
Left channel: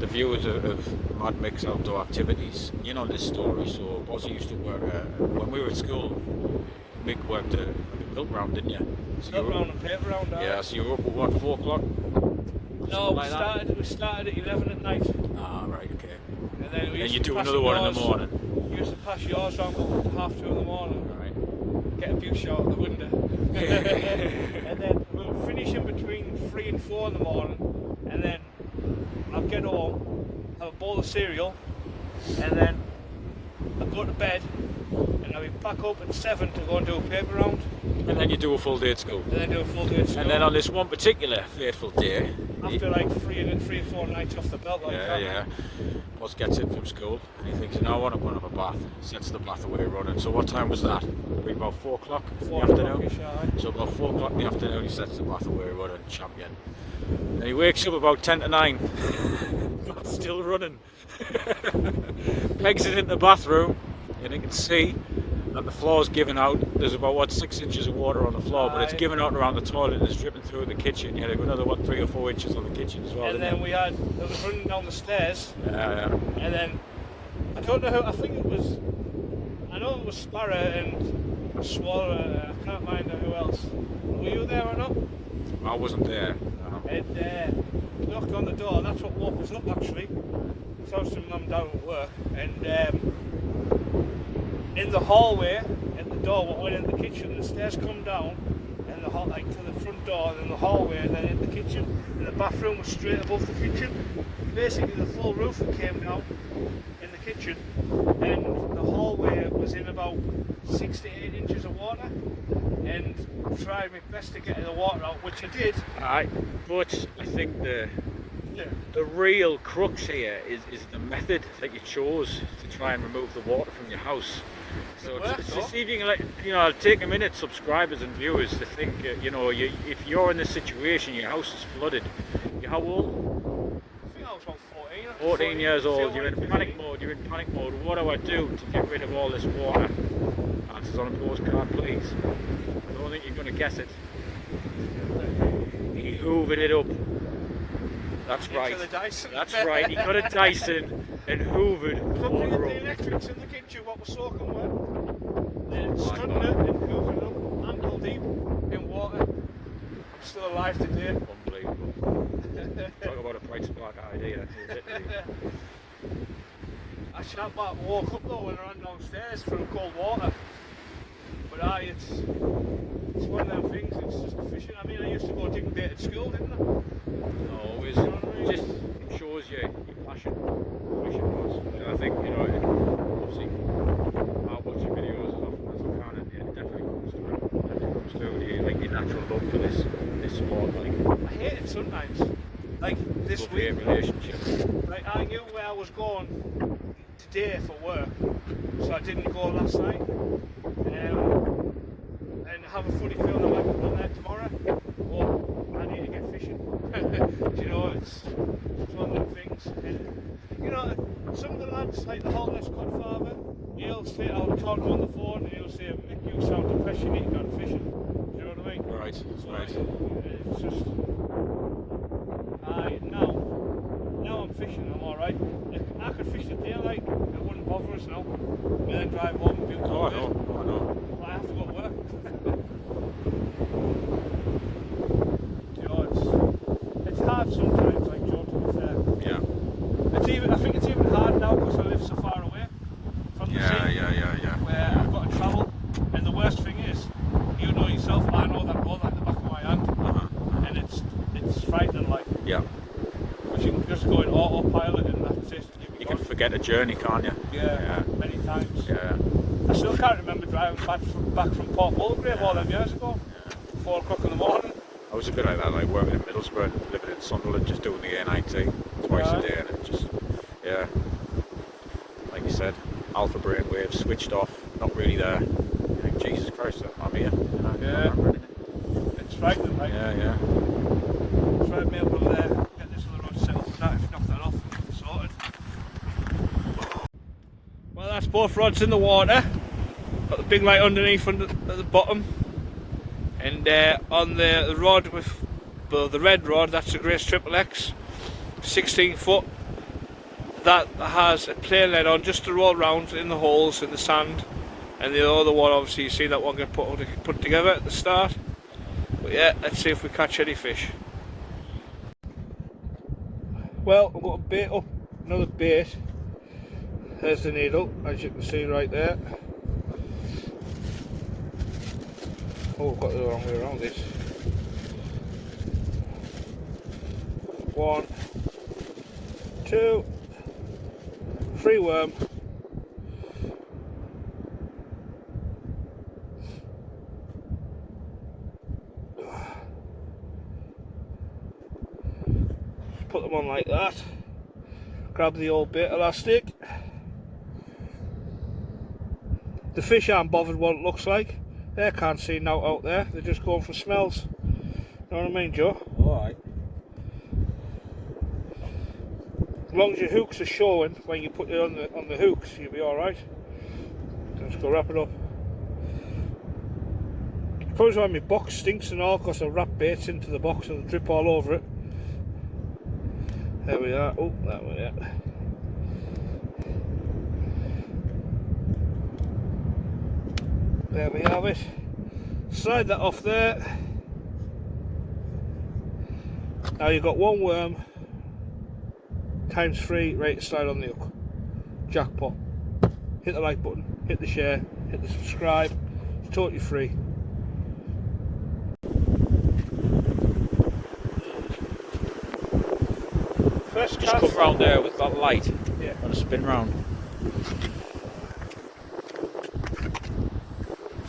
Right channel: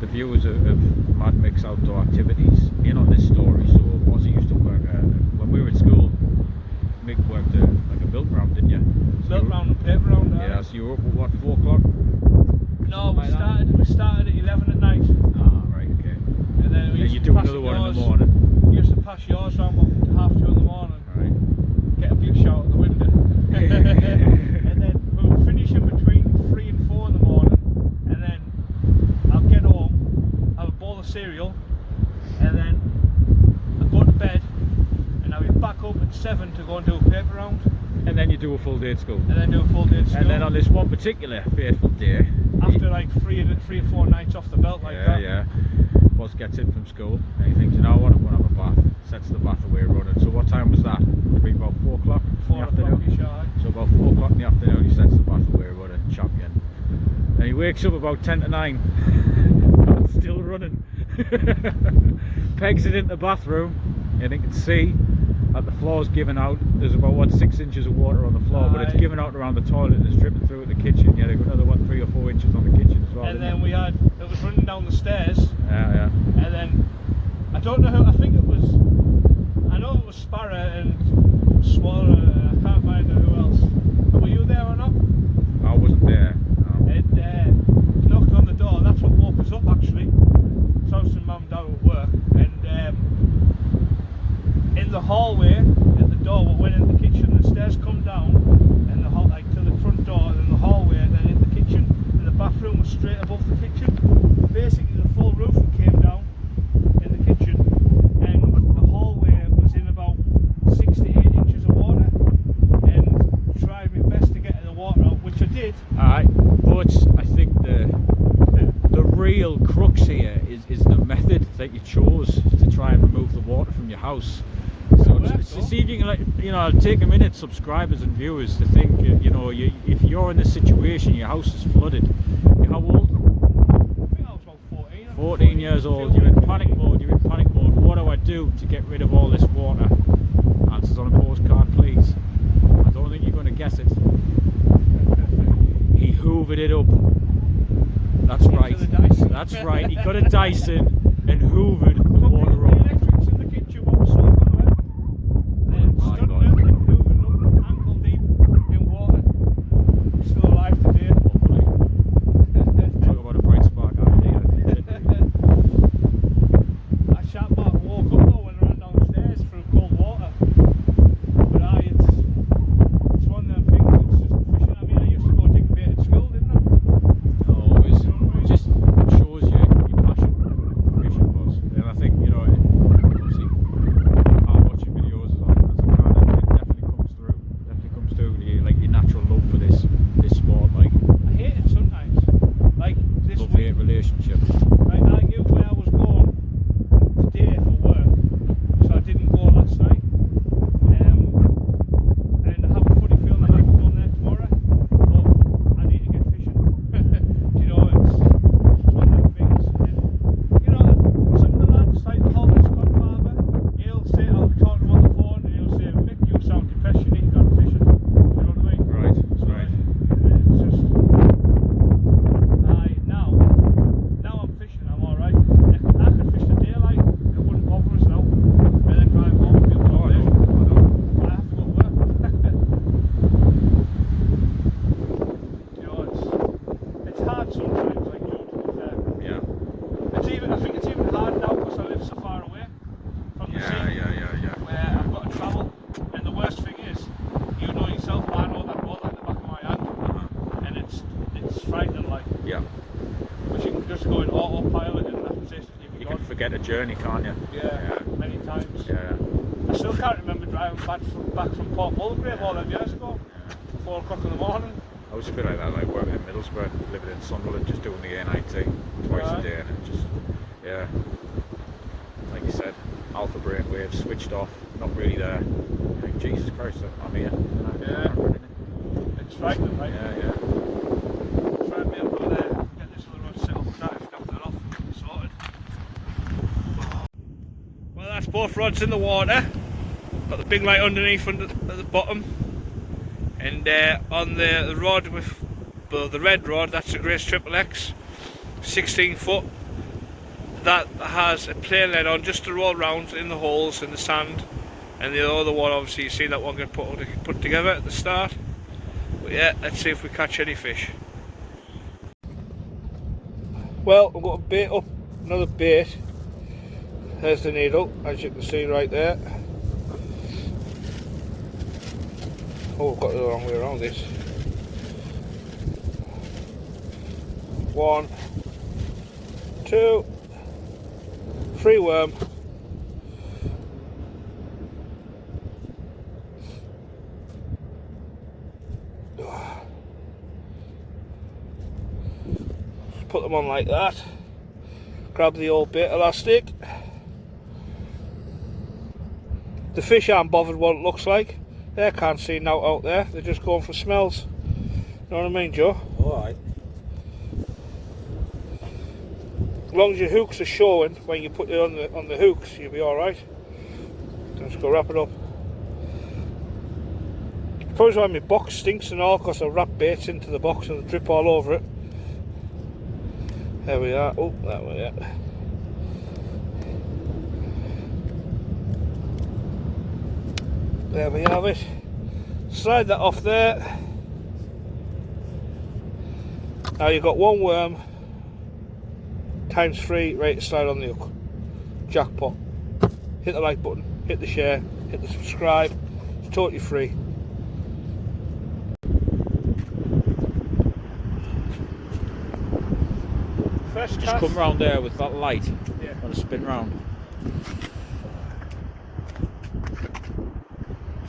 viewers of madmick's outdoor activities in on this story. So Ozzy used to work when we were at school. Mick worked like a milk round, didn't you? So Milk round and paper round. Yeah. So you were up at what, 4 o'clock? No, we started at 11 at night. Ah, right, okay. And then you do another one in the morning. We used to pass yours around about 2:30 in the morning. Right. Get a view shot out the window. And then we'll finish in between 3 and 4 in the morning. And then I'll get home, have a bowl of cereal, and then I'll go to bed, and I'll be back up at 7 to go and do a paper round. And then you do a full day at school. And then do a full day at school. And then on this one particular fateful day, after like 3 or 4 nights off the belt like that. Yeah. Boss gets in from school and he thinks, you know what, I'm going to have a bath. Sets the bath away running. So what time was that? Would it have been about 4 o'clock in the afternoon? So about 4 o'clock in the afternoon he sets the bath away running, champion. And he wakes up about 10 to 9. It's still running. Pegs it into the bathroom and he can see that the floor's giving out. There's about 6 inches of water on the floor, but it's giving out around the toilet and it's dripping through the kitchen. You had another 3 or 4 inches on the kitchen as well. And then it was running down the stairs. Yeah. And then I don't know who. I know it was Sparrow and Swallow. I can't mind who else. Were you there or not? I wasn't there. No. And knocked on the door. And that's what woke us up actually. So I was to mum down at work, and in the hallway at the door, what went in the kitchen, the stairs come down, and to the front door, and then the hallway, and then in the kitchen, and the bathroom was straight above the kitchen. Basically, the full roof that came down in the kitchen, and the hallway was in about 6 to 8 inches of water, and I tried my best to get the water out, which I did. Aye, but I think the real crux here is the method that you chose to try and remove the water from your house. So to see if you can, take a minute, subscribers and viewers, to think, if you're in this situation, your house is flooded. You're how old? I think I was about 14. 14 years old. You're in panic mode. What do I do to get rid of all this water? Answers on a postcard, please. I don't think you're going to guess it. He hoovered it up. That's right. That's right. He got a Dyson and hoovered the water up. The electrics in the kitchen, what was soaking wet. Then stood out and hoovered up, ankle deep in water. Still alive today. Talk about a bright spark idea. I sat back and woke up though when I ran downstairs through cold water. But it's one of them things. It's just fishing. I mean, I used to go digging bait at school, didn't I? Always. Just shows you your passion for fishing was. And I think, obviously, I watch your videos as often as I can, and it definitely comes through like your natural love for this sport. Like, I hate it sometimes. Like this love-hate relationship. Like I knew where I was going today for work, so I didn't go last night. And I have a funny feeling I might be going there tomorrow. But I need to get fishing. It's one of them things. Some of the lads, like the Hollis Godfather, he'll say, I'll talk to him on the phone and he'll say, Mick, you sound depressed, you need to go fishing. You know what I mean? Right. It's just, now I'm fishing, I'm alright. I could fish the daylight, it wouldn't bother us now. And then drive home and be up all day. But I have to go to work. It's hard sometimes, like Joe, to be fair. Yeah. I think it's even hard now because I live so far away from the sea. Yeah. Where I've got to travel. And the worst thing is, you know yourself, I know that ball at the back of my hand. And it's frightening, like. Yeah. But you can just go in autopilot and that's it. You can forget a journey, can't you? Yeah, many times. Yeah. I still can't remember driving back from Port Mulgrave all them years ago. 4 o'clock in the morning. I was a bit like that, like working in Middlesbrough, living in Sunderland, just doing the A90 twice a day, and it just, like you said, alpha brain waves switched off, not really there. You think, Jesus Christ, I'm here. It's frightening, right? Yeah. Try and be able to get this other rod set up now. If you knock that off, it's sorted. Well, that's both rods in the water. Got the big light underneath at the bottom. And on the rod with But the red rod, that's a Grace Triple X, 16 foot. That has a play lead on just to roll around in the holes in the sand. And the other one, obviously, you see that one get put together at the start. But yeah, let's see if we catch any fish. Well, we've got a bait up, another bait. There's the needle, as you can see right there. Oh, we've got it the wrong way around this. 1, 2, 3 worm. Put them on like that. Grab the old bait elastic. The fish aren't bothered what it looks like. They can't see now out there. They're just going for smells. You know what I mean, Joe? Alright. As long as your hooks are showing when you put it on the hooks, you'll be alright. Just go wrap it up. Probably why my box stinks and all, because I wrap baits into the box and they drip all over it. There we are. Oh, that way, yeah. There we have it. Slide that off there. Now you've got 1 worm times 3 ready to slide on the hook. Jackpot. Hit the like button, hit the share, hit the subscribe. It's totally free. First Just cast. come round there with that light. Yeah. Want to spin round.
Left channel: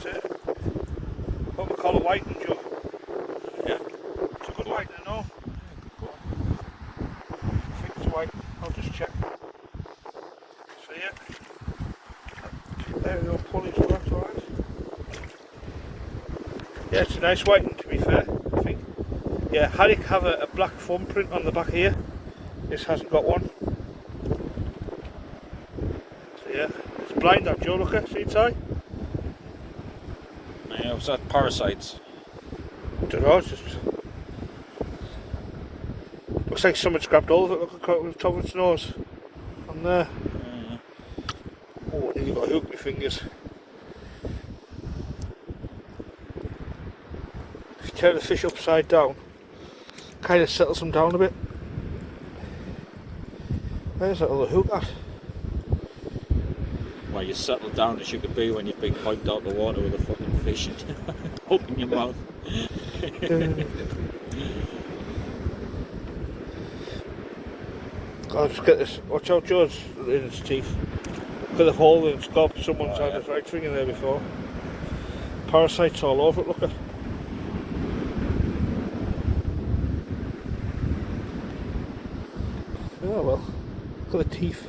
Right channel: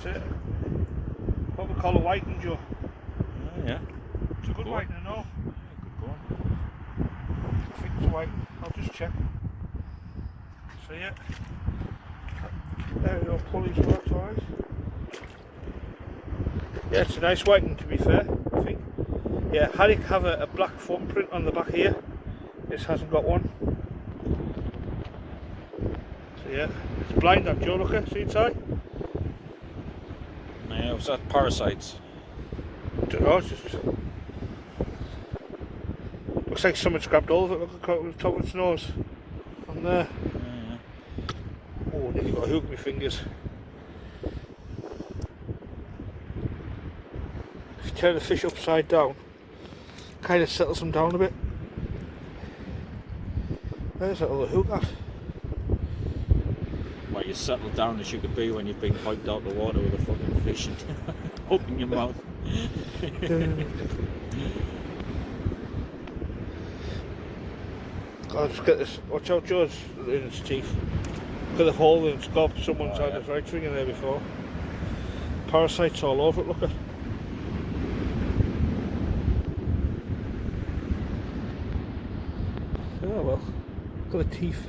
So, what we call a whitening, Joe. Yeah. It's a good whitening, no? Good going. I think it's white. I'll just check. So yeah. There we go, pulley to that, alright. Yeah, it's a nice whitening to be fair, I think. Yeah, haddock have a black foam print on the back here. This hasn't got one. So yeah, it's blind that, Joe, look at, see inside? Yeah, was that parasites? Don't know, it's just... Looks like someone's grabbed all of it, look at the top of its nose. On there. Yeah. Oh, nearly got a hook with my fingers. If you turn the fish upside down, kind of settles them down a bit. Where's that other hook at? Well, you settle down as you could be when you've been piped out the water with a fucking fish hook in your mouth. God, just get this. Watch out, Joe, it's in its teeth. Look at the hole in its gob. Someone's had his right string in there before. Parasites all over it, look at. Oh well. Look at the teeth.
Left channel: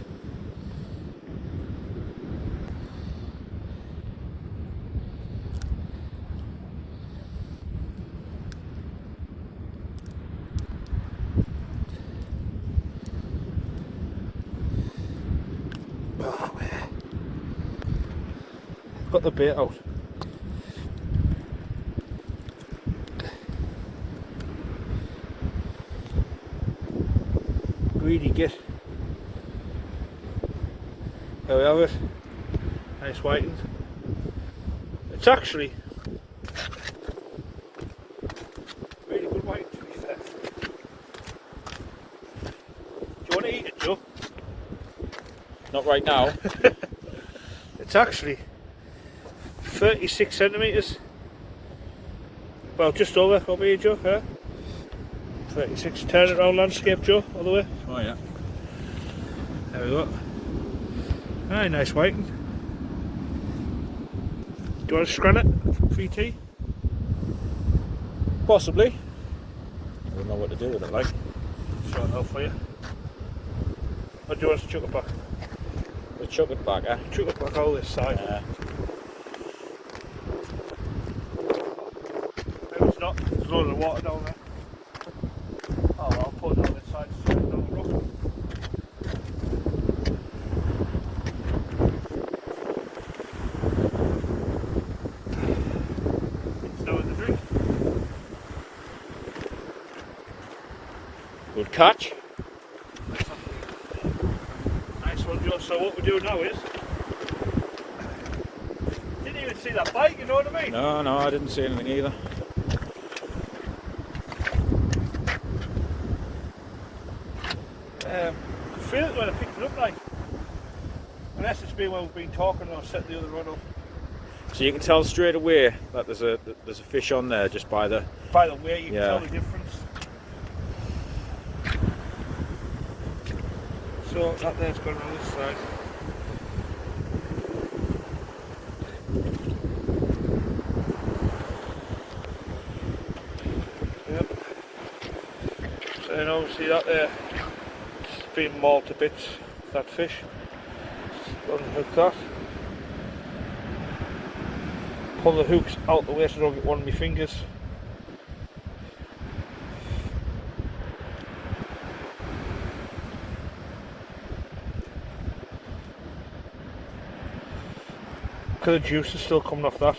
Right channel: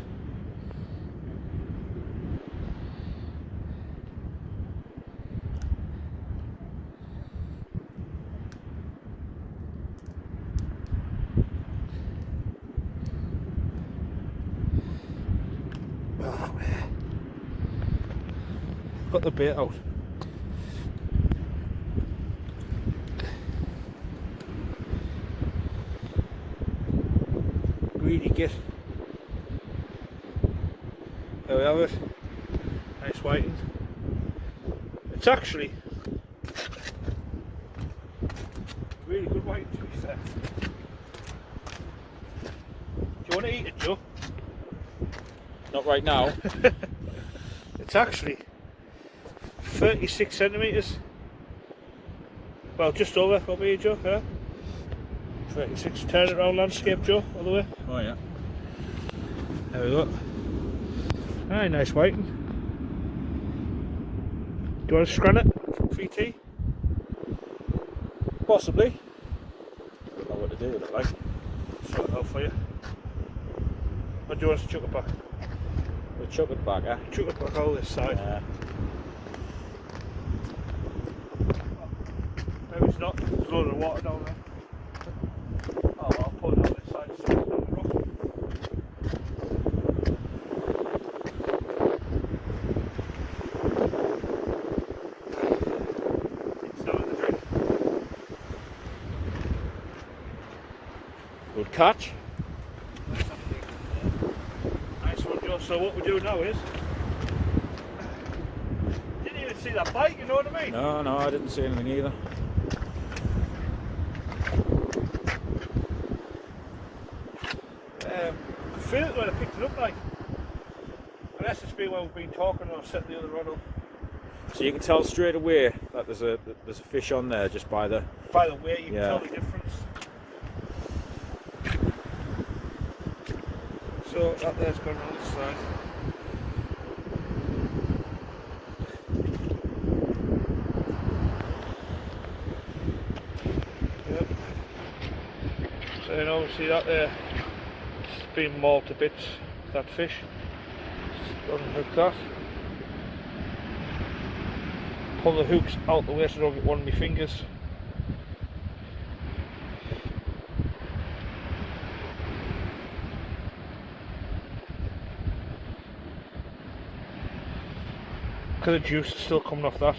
Oh, I've got the bait out. Greedy git. There we have it. Nice whiting. It's actually really good whiting, to be fair. Do you want to eat it, Joe? Not right now. It's actually 36 centimetres. Well, just over here, Joe. Yeah. 36. Turn it around landscape, Joe, all the way. Oh yeah. There we go. Aye, nice whiting. Do you want to scran it? VT? Possibly. I don't know what to do with it, like. Sort it out for you. Or do you want us to chuck it back? We'll chuck it back, eh? Chuck it back all this side. Maybe it's not. There's a load of water down there. Oh, I'll pull it down this side. So it's not a rock. It's not in the drink. catch. Nice one, Joe. So what we do now is, didn't even see that bite, you know what I mean? No, I didn't see anything either. I feel it when I picked it up, like. Unless it's been when we've been talking and I've set the other rod up. So you can tell straight away that there's a fish on there just by the way you can tell the difference. So that there's going on this side. Yep. So you know, see that there? It's been mauled to bits, that fish. Unhook that. Pull the hooks out the way so I don't get one of my fingers. Because the juice is still coming off that.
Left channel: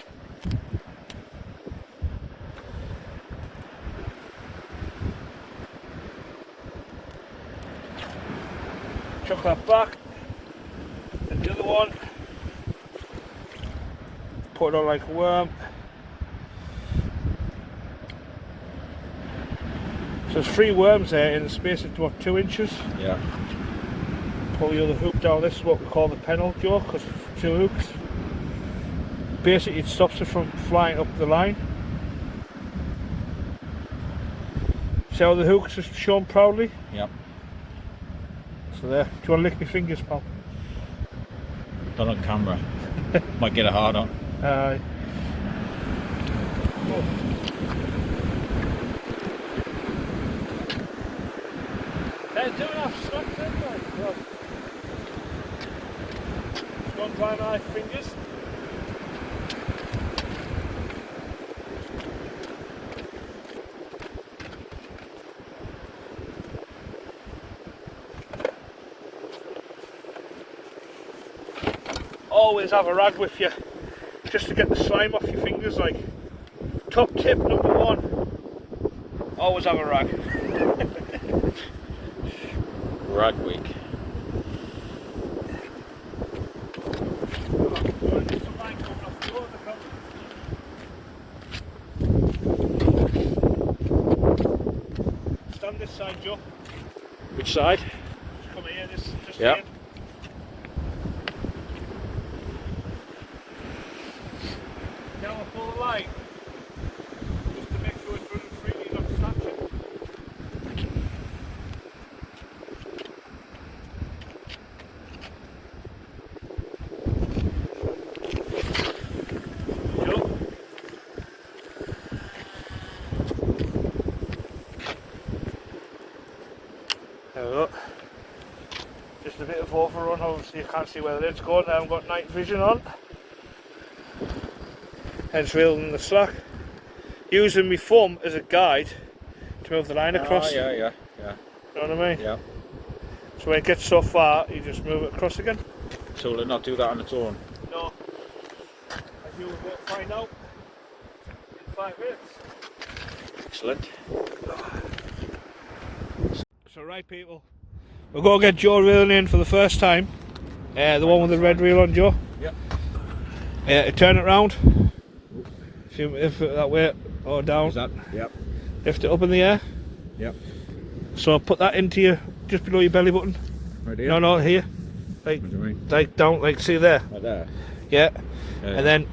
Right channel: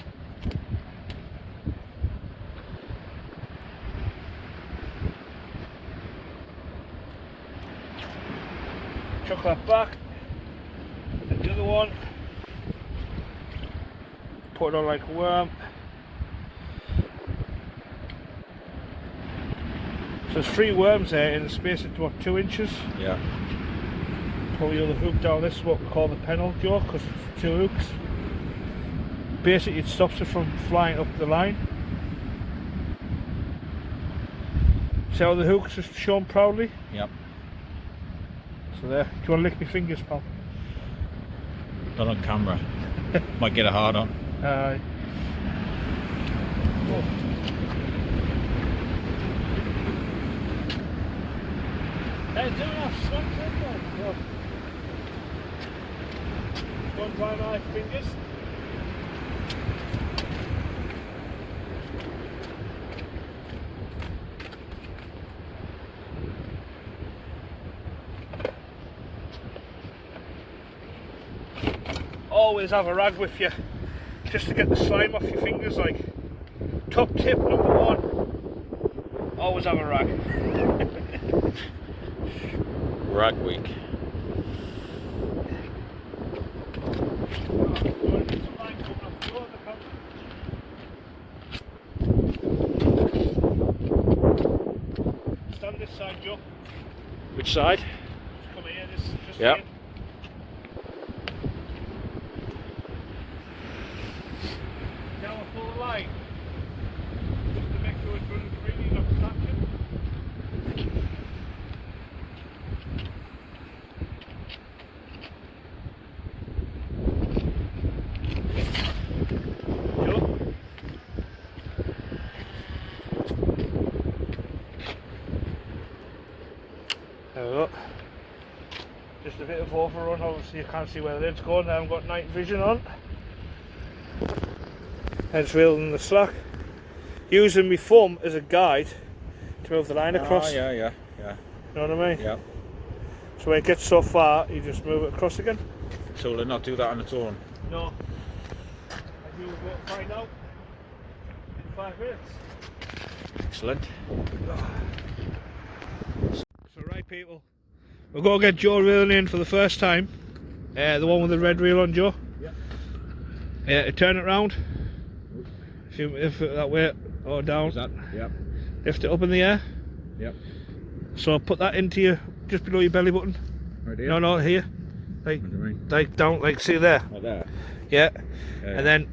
Chuck that back. And the other one. Put it on like a worm. So there's 3 worms there in the space of what, 2 inches? Yeah. Pull the other hook down. This is what we call the pennel jaw because it's 2 hooks. Basically it stops it from flying up the line. See how the hooks are shown proudly? Yep. So there. Do you want to lick my fingers, pal? Not on camera. Might get a hard on. Aye. Doing have snacks in like, well. One dry knife fingers. Always have a rag with you, just to get the slime off your fingers. Like, top tip number 1: always have a rag. Rag week. Stand this side, Joe. Which side? Just come here, this yeah. Here. Now I pull the line, just to make sure it's running freely, not snatching. Just a bit of overrun, obviously you can't see where the lid's going. I haven't got night vision on. Hence reeling the slack. Using my thumb as a guide to move the line across. Yeah. You know what I mean? Yeah. So when it gets so far, you just move it across again. So will it not do that on its own? No. And you will find out in 5 minutes. Excellent. So right people, we're going to get Joe reeling in for the first time. The one with the red reel on, Joe. Yeah. Turn it round. If that way or down. Is that? Yep. Lift it up in the air. Yep. So put that into your, just below your belly button. Right here? No, here. Like down, like see there. Like there? Yeah. And then,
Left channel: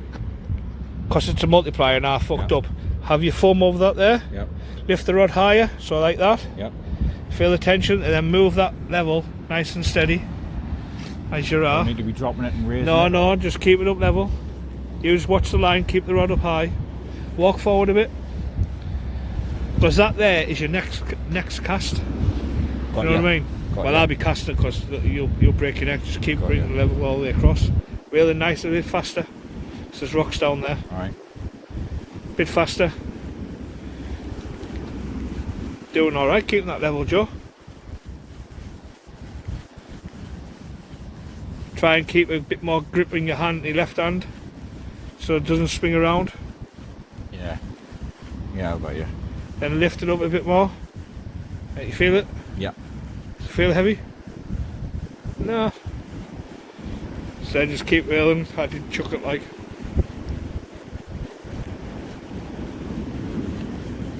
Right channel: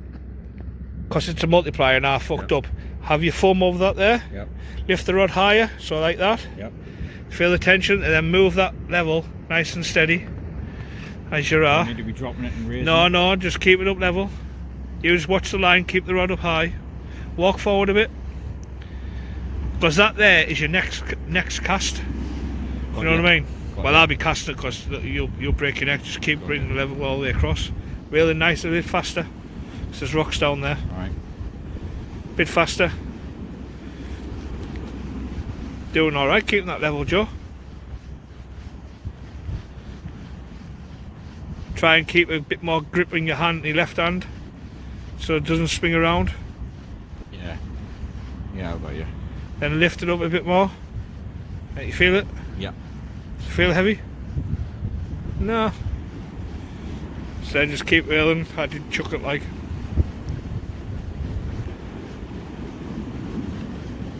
because it's a multiplier now, fucked up. Have your thumb over that there. Yep. Lift the rod higher, so like that. Yep. Feel the tension, and then move that level nice and steady, as you are. You need to be dropping it and raising No, it. no, just keep it up level. You just watch the line, keep the rod up high. Walk forward a bit. Because that there is your next cast. You know what I mean? Well, I'll be casting it because you'll break your neck. Just keep bringing the level all the way across. Really nice, a bit faster. Because there's rocks down there. Alright. Bit faster. Doing alright, keeping that level, Joe. Try and keep a bit more grip in your hand, your left hand, so it doesn't swing around. Yeah, I got you. Then lift it up a bit more. You feel it? Feel heavy? No. So just keep reeling. I did chuck it like.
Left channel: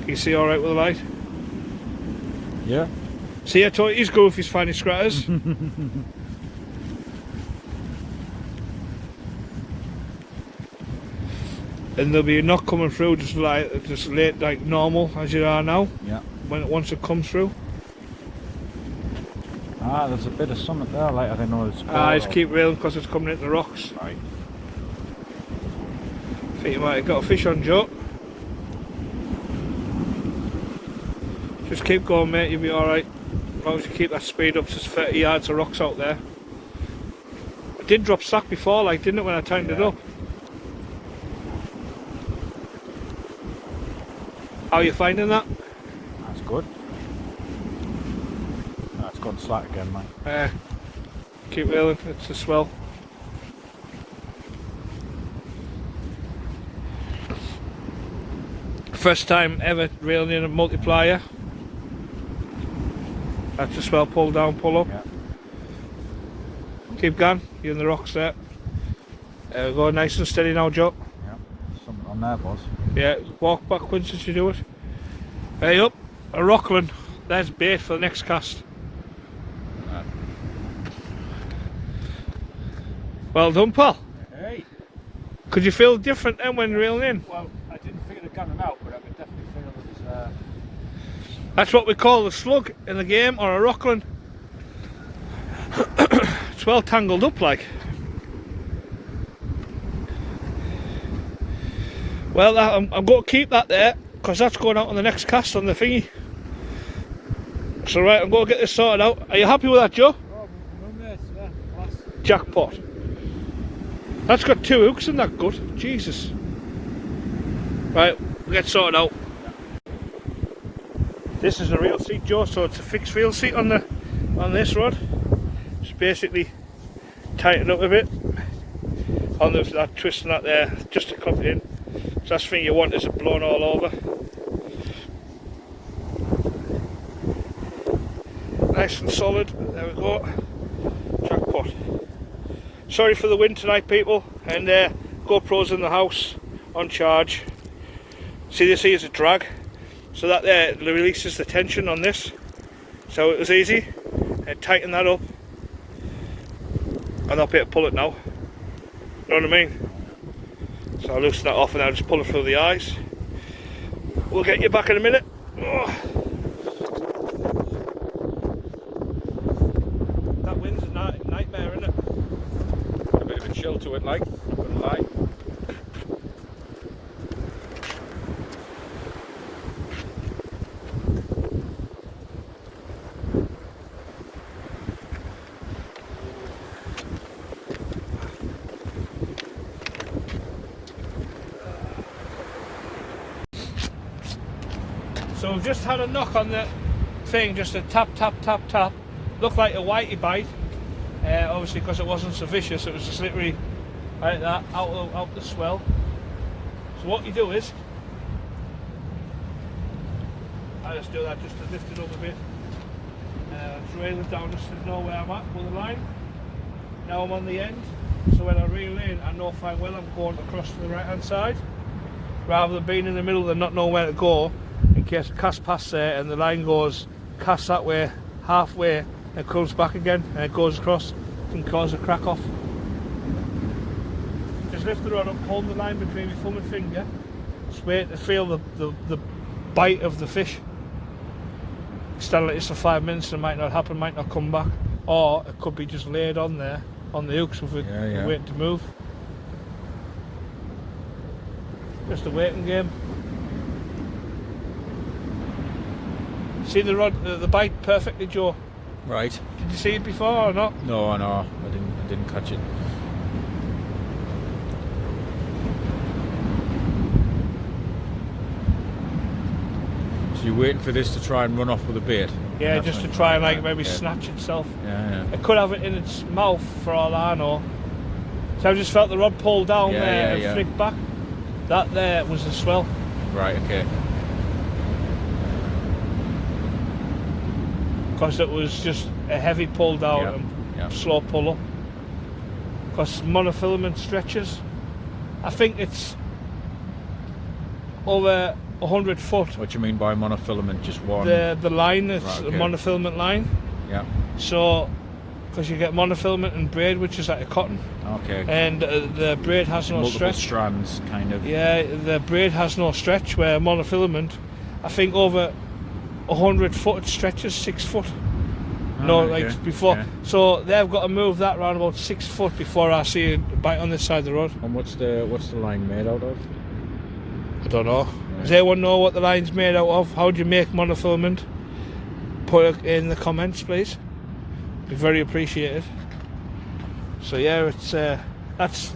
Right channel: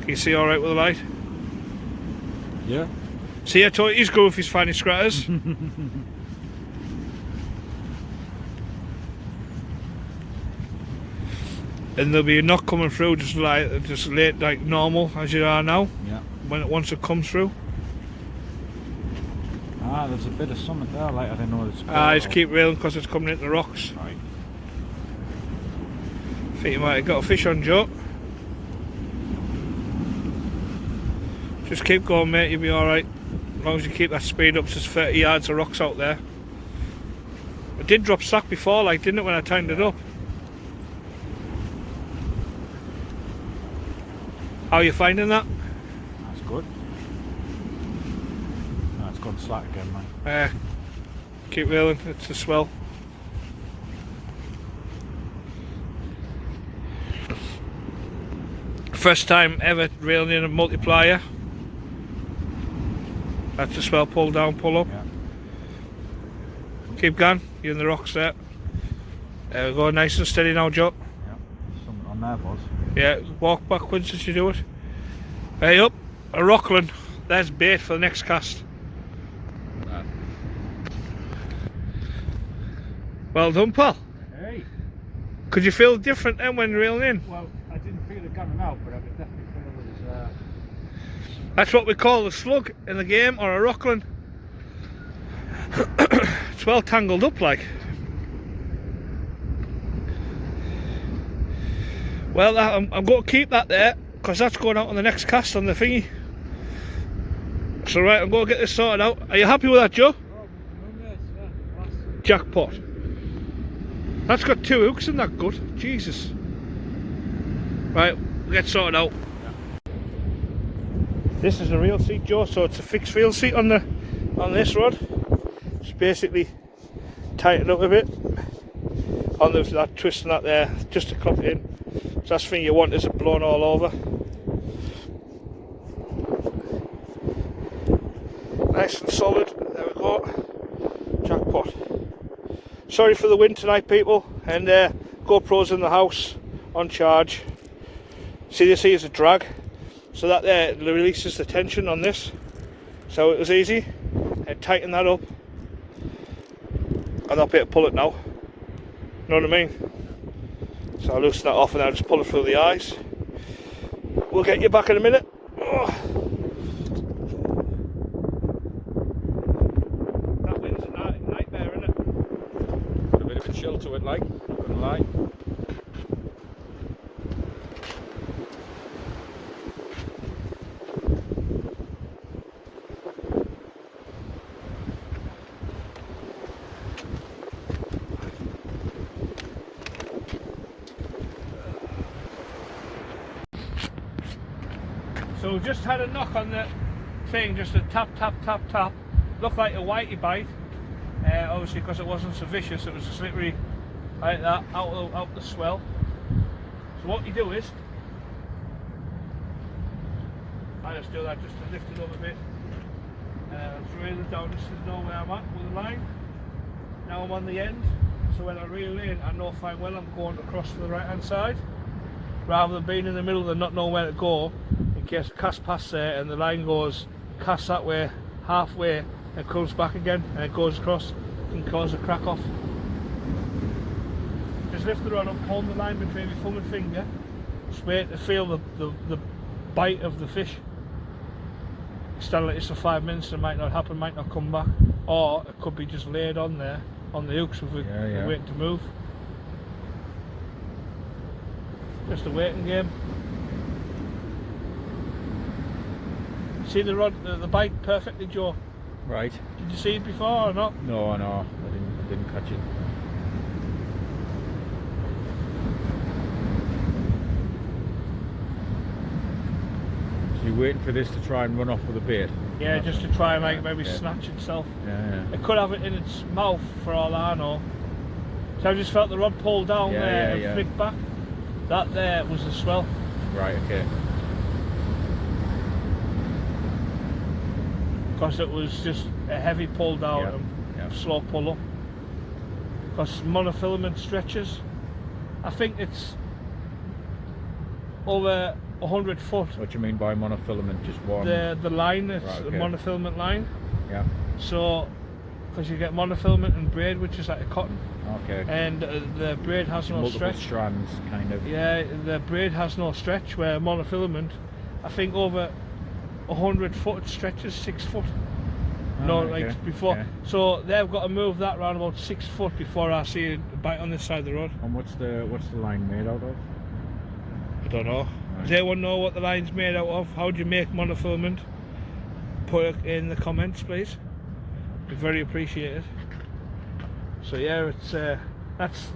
Can you see alright with the light? Yeah. See, I told you he's good if he's finding scratters. And there'll be a knock coming through just late like normal as you are now. Yeah. Once it comes through. Ah, there's a bit of something there, like I don't know. Just keep reeling because it's coming into the rocks. Right. I think you might have got a fish on, Joe. Just keep going, mate, you'll be alright. As long as you keep that speed up, there's 30 yards of rocks out there. I did drop slack before, like, didn't it, when I tightened it up? How are you finding that? That's good. That's good slack again, man. Keep reeling, it's a swell. First time ever reeling in a multiplier. That's a swell, pull down, pull up. Yeah. Keep going, you're in the rocks there. There we go, nice and steady now, Joe. Yeah. Something on there, boss. Yeah, walk backwards as you do it. Hey up, a rockland. There's bait for the next cast. Yeah. Well done, pal. Hey. Could you feel different then when reeling in? Well, I didn't figure the gun out, but I could definitely feel it with his. That's what we call a slug in the game, or a rockland. It's well tangled up like. Well, I'm going to keep that there because that's going out on the next cast on the thingy. So right, I'm going to get this sorted out. Are you happy with that, Joe? Oh, yeah, class. Jackpot. That's got 2 hooks in that gut. Jesus. Right, we'll get sorted out. This is a reel seat, Joe, so it's a fixed reel seat on this rod. Just basically tighten up a bit on that twist and that there, just to cup it in. So that's the thing you want, is it blown all over. Nice and solid. There we go. Jackpot. Sorry for the wind tonight, people. And GoPro's in the house on charge. See, this here is a drag. So that there releases the tension on this. So it was easy. And tighten that up. And I'll be able to pull it now. You know what I mean? So I'll loosen that off and I'll just pull it through the eyes. We'll get you back in a minute. Oh. That wind's a nightmare, isn't it? A bit of a chill to it, like, wouldn't lie. So we've just had a knock on the thing, just a tap, tap, tap, tap. Looked like a whitey bite, obviously because it wasn't so vicious, it was just literally like that, out the swell. So what you do is, I just do that just to lift it up a bit. Trail it down just to know where I'm at with the line. Now I'm on the end, so when I reel in, I know fine well I'm going across to the right hand side, rather than being in the middle and not know where to go, in case I cast past there and the line goes, cast that way, halfway, and comes back again, and it goes across, can cause a crack off. Just lift the rod up, hold the line between your thumb and finger, just wait to feel the bite of the fish. Stand like this for 5 minutes and it might not happen, might not come back, or it could be just laid on there on the hooks with it waiting to move. Just a waiting game. See the rod, the bite perfectly, Joe. Right. Did you see it before or not? No, I didn't catch it. So you're waiting for this to try and run off with a bait? Yeah, That's just to right. try and like Yeah, maybe yeah. snatch itself. Yeah, It could have it in its mouth for all I know. So I just felt the rod pull down Yeah, there yeah, and yeah. flick back. That there was the swell. Right, okay. Because it was just a heavy pull down Yeah, and yeah. slow pull up. Because monofilament stretches, I think it's over 100 foot. What do you mean by monofilament? Just one? The line, it's Right, a okay. monofilament line. Yeah. So, because you get monofilament and braid, which is like a cotton, Okay. and the braid has no Multiple stretch. strands, kind of. Yeah, the braid has no stretch, where monofilament, I think over 100 foot it stretches 6 foot. Oh, No, okay. like before. Yeah. So they've got to move that round about 6 foot before I see it bite on this side of the road. And what's the line made out of? I don't know. Right. Does anyone know what the line's made out of? How do you make monofilament? Put it in the comments, please. Be very appreciated. So yeah, it's that's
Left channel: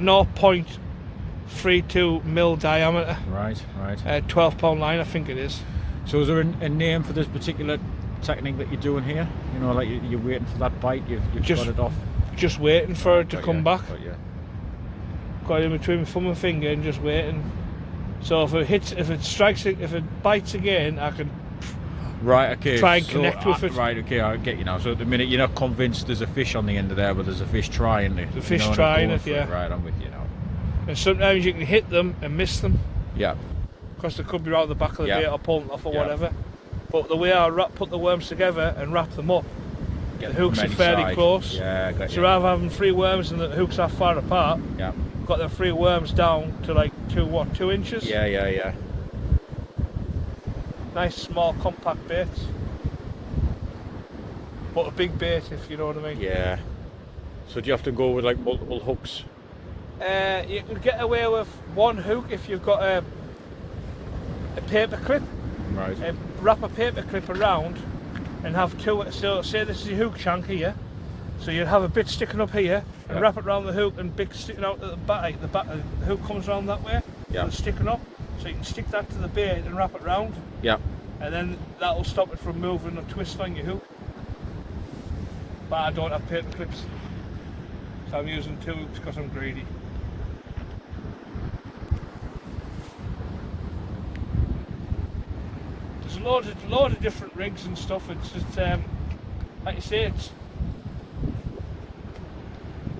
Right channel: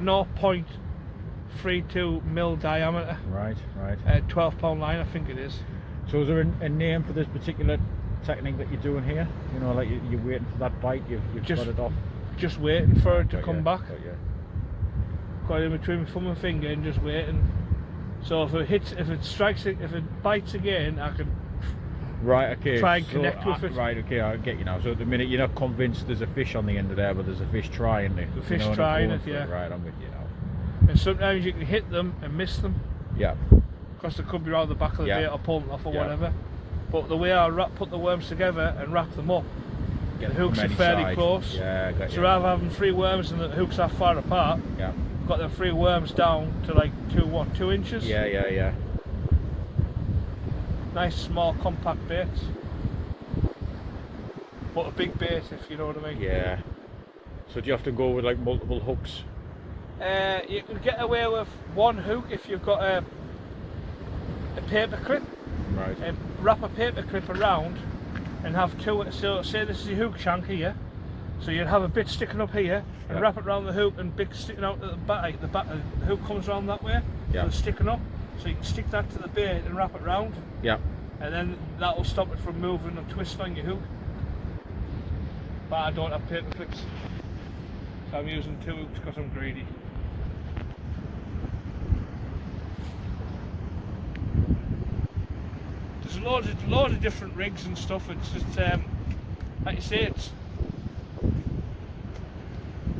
0.32 mil diameter. Right. 12-pound line, I think it is. So is there a name for this particular technique that you're doing here? You know, like you're waiting for that bite, you've Just- got it off. Just waiting for it to Got come you, back. got you. Got it in between my thumb and finger and just waiting. So if it bites again, I can. Right, okay. Try and connect with it. Right, okay, I get you now. So at the minute you're not convinced there's a fish on the end of there, but there's a fish trying it. The fish and trying going it, for yeah. Right, I'm with you now. And sometimes you can hit them and miss them Yeah. because they could be around the back of the Yeah. bait or pull them off or Yeah. whatever. But the way I put the worms together and wrap them up, Get the them hooks from are any fairly side. close. Yeah, got So you. rather than having 3 worms and the hooks are far apart, Yeah. got the 3 worms down to like 2 inches. Yeah. Nice small compact baits. But a big bait, if you know what I mean. Yeah. So do you have to go with like multiple hooks? You can get away with 1 hook if you've got a paper clip, Right. and wrap a paper clip around and have 2. So say this is your hook shank here, so you'll have a bit sticking up here and Yeah. wrap it around the hook and bit sticking out at the back. The hook comes around that way, Yeah. so it's sticking up, so you can stick that to the bait and wrap it round, Yeah. and then that will stop it from moving or twisting on your hook. But I don't have paper clips, so I'm using 2 hooks because I'm greedy. There's loads of different rigs and stuff. It's just like you say, it's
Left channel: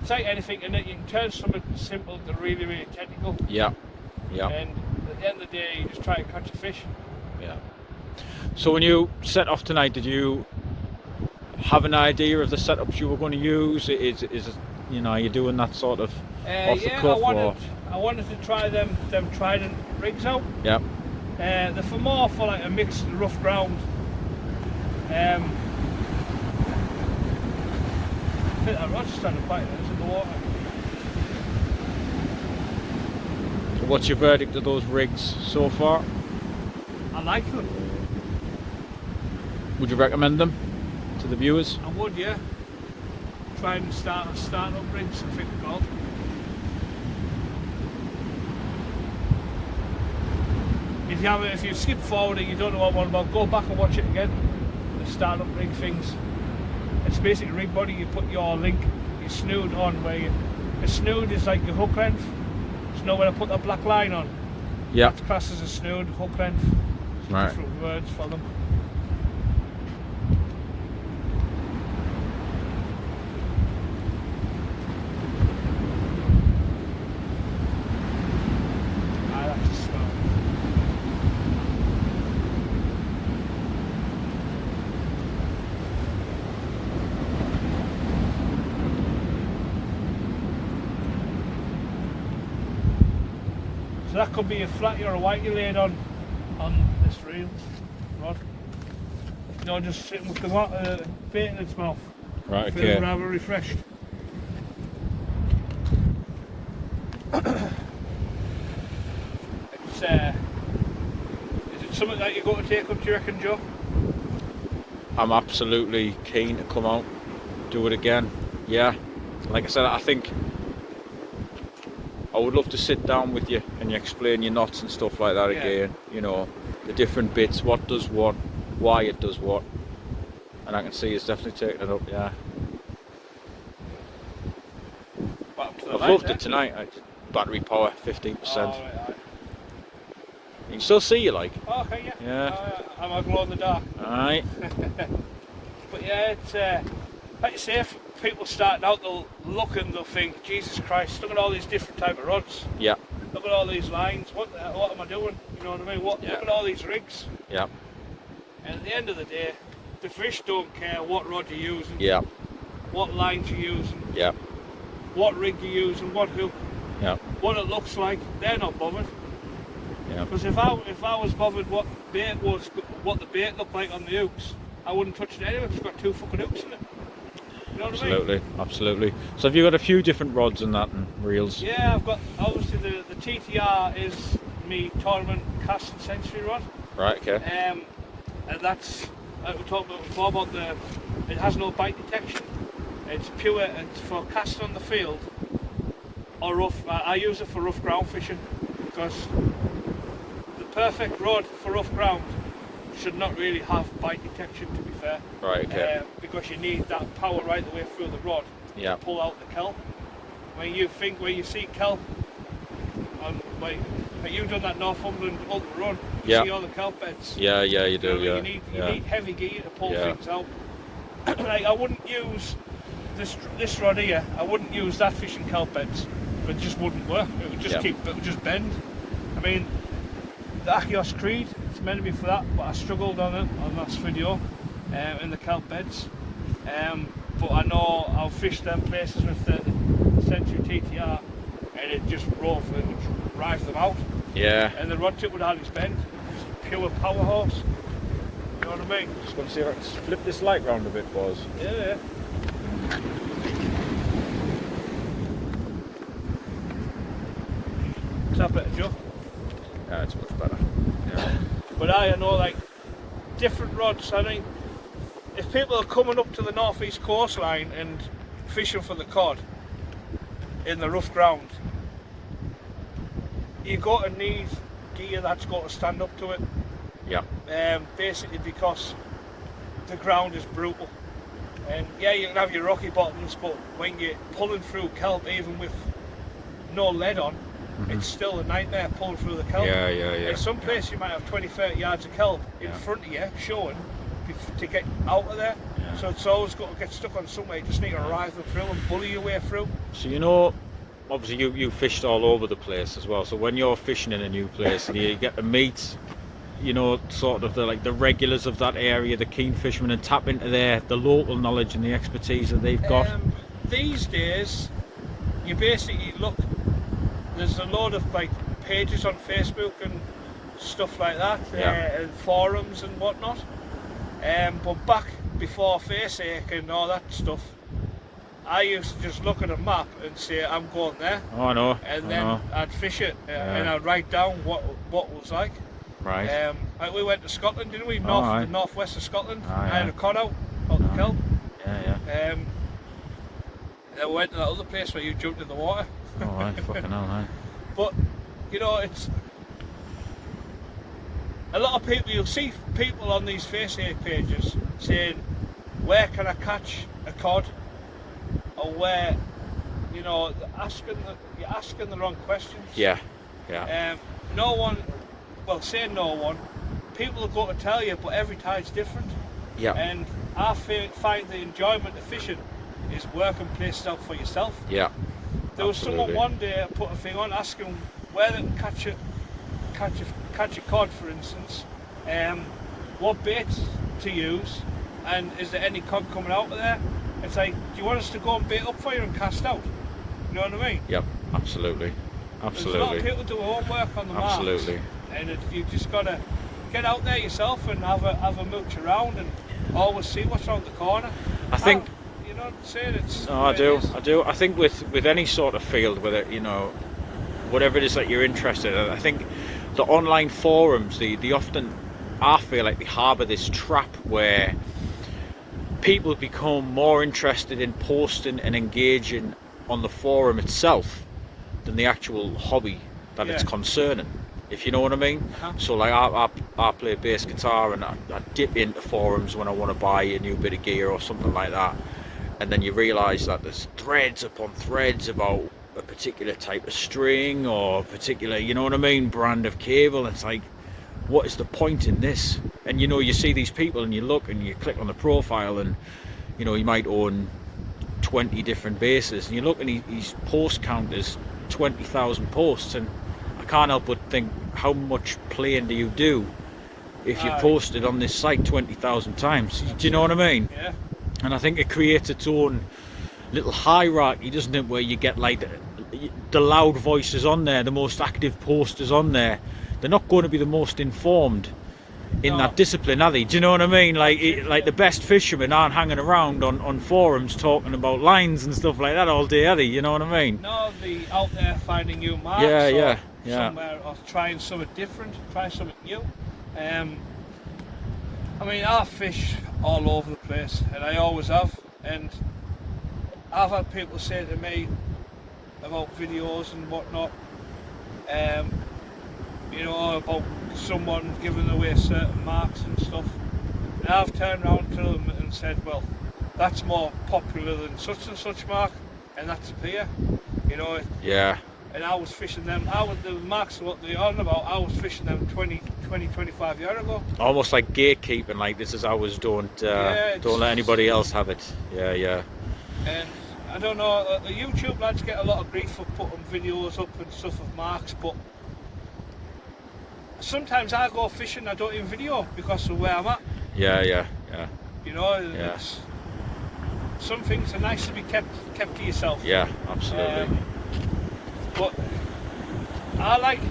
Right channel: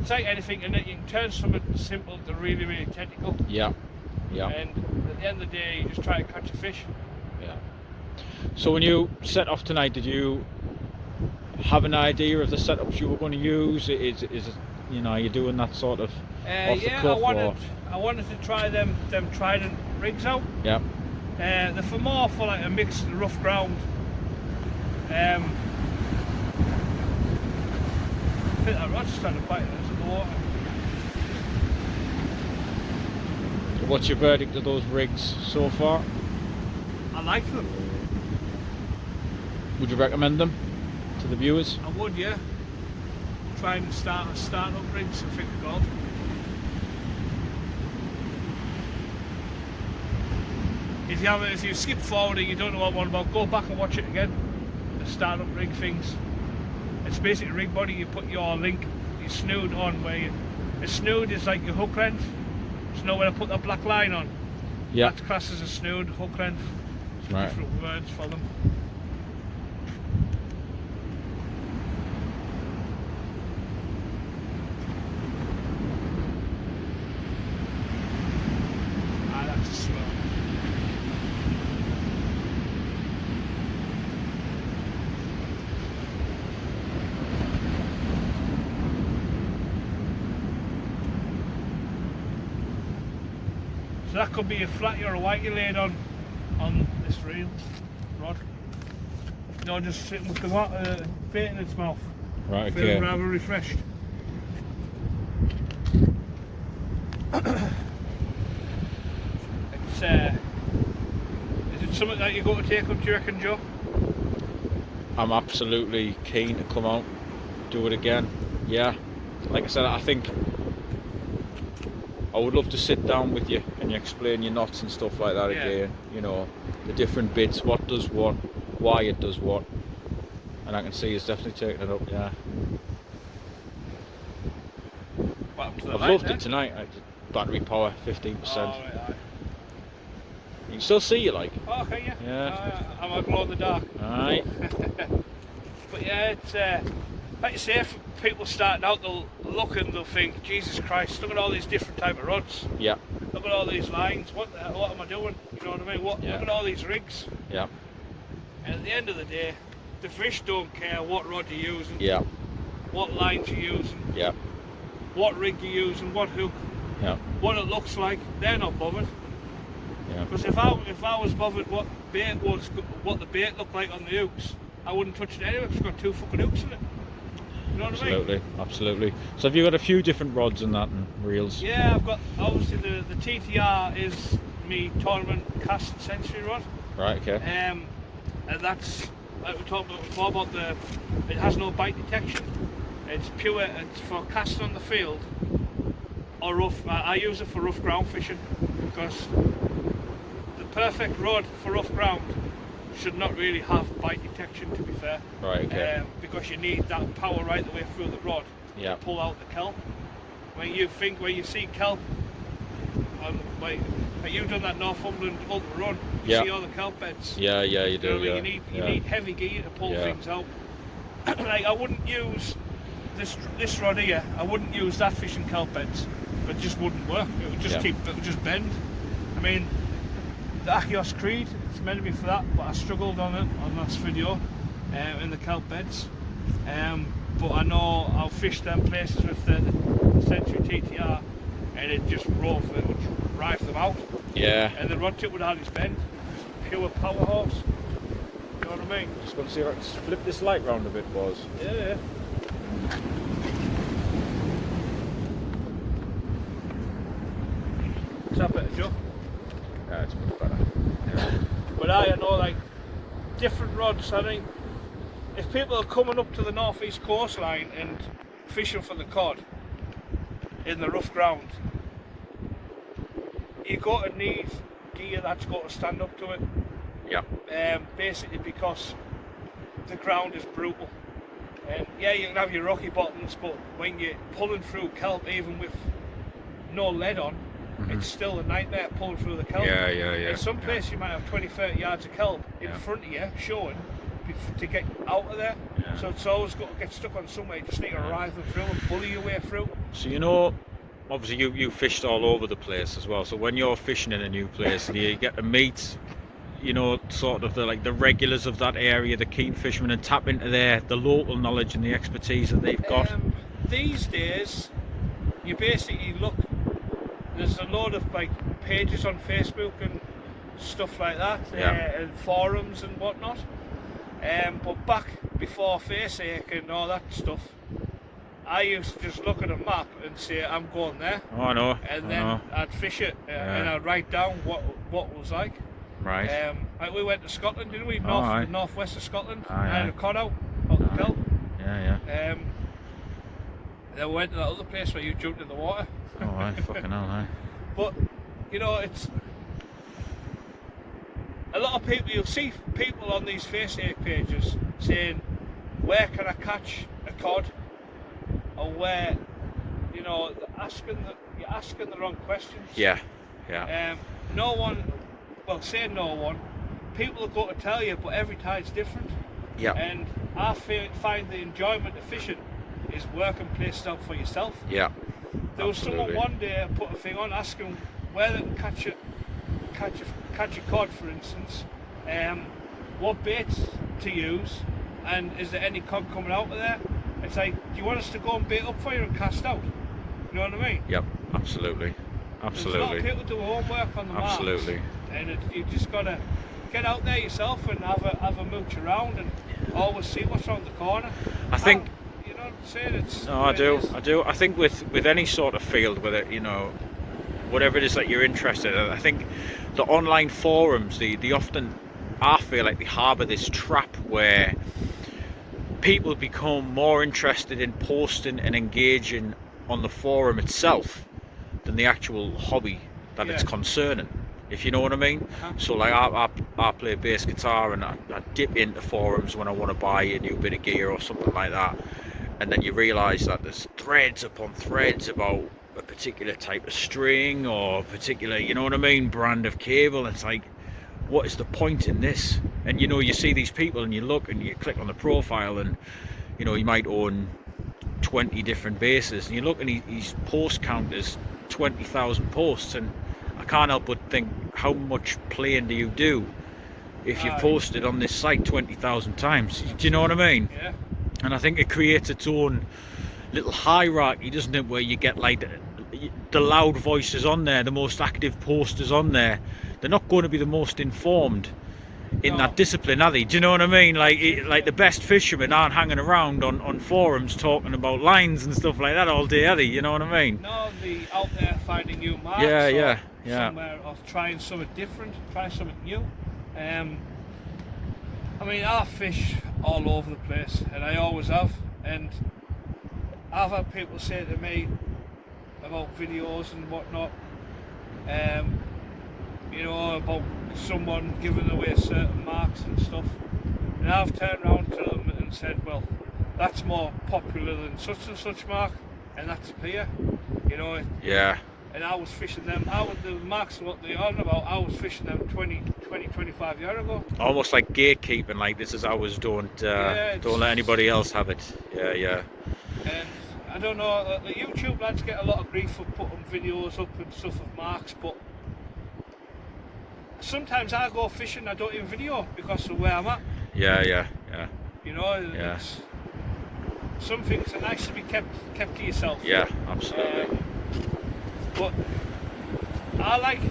like anything, and you can turn something simple to really, really technical. Yeah. And at the end of the day, you just try and catch a fish. Yeah. So when you set off tonight, did you have an idea of the setups you were going to use? Is you know, are you doing that sort of off the Yeah, cuff I wanted to try them trident rigs out. Yeah. They're for more for like a mixed rough ground. I think I'd rather stand and bite those in the water. So what's your verdict of those rigs so far? I like them. Would you recommend them to the viewers? I would, yeah. Try and start up rigs and think about. If you skip forward and you don't know what one about, go back and watch it again. The start up rig things. It's basically a rig body. You put your link, your snood on where a snood is like your hook length. So you know when I put that black line on. Yeah. That's classed as a snood, hook length. Right. Different words for them. That's a smell. So that could be a flatty or a whitey laid on this reel rod. No, just sitting with the bait in its mouth. Right. Feeling Okay. rather refreshed. It's is it something that you're going to take up, do you reckon, Joe? I'm absolutely keen to come out, do it again. Yeah. Like I said, I think I would love to sit down with you and you explain your knots and stuff like that Yeah. again. You know, the different bits, what does what, why it does what. And I can see it's definitely taking it up, yeah. I've loved it tonight. Battery power, 15%. Oh, right, aye. You can still see you like. Oh, okay, yeah. Yeah. I'm a glow in the dark. Alright. But yeah, it's like you say, if people starting out, they'll look and they'll think, Jesus Christ, look at all these different type of rods. Yeah. Look at all these lines. What am I doing? You know what I mean? Look at all these rigs. Yeah. And at the end of the day, the fish don't care what rod you're using. Yeah. What lines you're using. Yeah. What rig you're using. What hook. Yeah. What it looks like. They're not bothered. Yeah. Because if I was bothered what the bait looked like on the hooks, I wouldn't touch it anyway because it's got 2 fucking hooks in it. You know what I mean? Absolutely. So have you got a few different rods and that and reels? Yeah, I've got, obviously the TTR is me tournament cast and century rod. Right, okay. And that's, like we talked about before, about it has no bite detection. It's pure, it's for casting on the field or rough. I use it for rough ground fishing because the perfect rod for rough ground should not really have bite detection, to be fair. Right, okay. Because you need that power right the way through the rod to pull out the kelp. When you see kelp, like you've done that Northumberland Ultra Run, you see all the kelp beds. Yeah, you do. You need heavy gear to pull things out. Like I wouldn't use this rod here. I wouldn't use that fishing kelp beds. It just wouldn't work. It would just it would just bend. I mean, the Achios Creed, it's meant to be for that, but I struggled on it on last video in the kelp beds. But I know I'll fish them places with the Century TTR, and it just rough, it would drive them out. Yeah. And the rod tip would hardly bend. Just pure power horse. You know what I mean? Just going to see if I can flip this light round a bit, boys. Yeah. Is that better, Joe? Yeah, it's much better. Yeah. But I know, like, different rods. I think if people are coming up to the northeast coastline and fishing for the cod in the rough ground, you've got to need gear that's got to stand up to it. Yeah. Basically because the ground is brutal. Yeah, you can have your rocky bottoms, but when you're pulling through kelp, even with no lead on, it's still a nightmare pulling through the kelp. Yeah. In some places you might have 20-30 yards of kelp in front of you showing to get out of there. So it's always got to get stuck on somewhere. You just need to ride them through and bully your way through. So you know, obviously you fished all over the place as well. So when you're fishing in a new place and you get to meet, you know, sort of the regulars of that area, the keen fishermen, and tap into the local knowledge and the expertise that they've got. These days, you basically look. There's a lot of like pages on Facebook and stuff like that, and forums and whatnot. But back before FaceAche and all that stuff, I used to just look at a map and say I'm going there. Oh, I know. And then I'd fish it and I'd write down what it was like. Right. Like we went to Scotland, didn't we? Northwest of Scotland. I had a cod out the kelp. Yeah. Then we went to that other place where you jumped in the water. Oh, right, fucking hell, right. But you know, it's a lot of people. You'll see people on these FaceAche pages saying, "Where can I catch a cod?" Or where, you know, you're asking the wrong questions. Yeah. No one. Well, say no one. People are going to tell you, but every tide's different. Yeah. And I find the enjoyment of fishing is working places out for yourself. Yeah. There was someone one day put a thing on asking where they can catch a cod, for instance, what baits to use, and is there any cod coming out of there? It's like, do you want us to go and bait up for you and cast out? You know what I mean? Yep, absolutely. There's a lot of people do homework on the marks. Absolutely. And you've just got to get out there yourself and have a mooch around and always see what's around the corner. I think... You know what I'm saying? It's no, I do. I think with any sort of field, whether, you know, whatever it is that you're interested in, I think the online forums, they often, I feel like they harbour this trap where people become more interested in posting and engaging on the forum itself than the actual hobby that it's concerning, if you know what I mean. So like I play bass guitar and I dip into forums when I want to buy a new bit of gear or something like that, and then you realise that there's threads upon threads about a particular type of string or a particular, you know what I mean, brand of cable. It's like, what is the point in this? And you know, you see these people and you look and you click on the profile, and you know, he might own 20 different bases, and you look and his post count is 20,000 posts, and I can't help but think, how much playing do you do if you posted on this site 20,000 times? Do you know what I mean? Yeah. And I think it creates its own little hierarchy, doesn't it, where you get like the loud voices on there, the most active posters on there. They're not going to be the most informed in that discipline, are they? Do you know what I mean? Like the best fishermen aren't hanging around on forums talking about lines and stuff like that all day, are they? You know what I mean? No, the out there finding new marks. Yeah. Somewhere, or trying something different, trying something new. I mean, I fish all over the place, and I always have. And I've had people say to me about videos and whatnot, you know, about someone giving away certain marks and stuff. And I've turned around to them and said, well, that's more popular than such and such mark, and that's a pier, you know. Yeah. And I was fishing them, the marks what they're on about, I was fishing them 25 years ago. Almost like gatekeeping, like this is ours, don't let anybody else have it. Yeah. And I don't know, the YouTube lads get a lot of grief for putting videos up and stuff of marks, but sometimes I go fishing, I don't even video because of where I'm at. Yeah. You know, some things are nice to be kept to yourself. Yeah, absolutely. But I like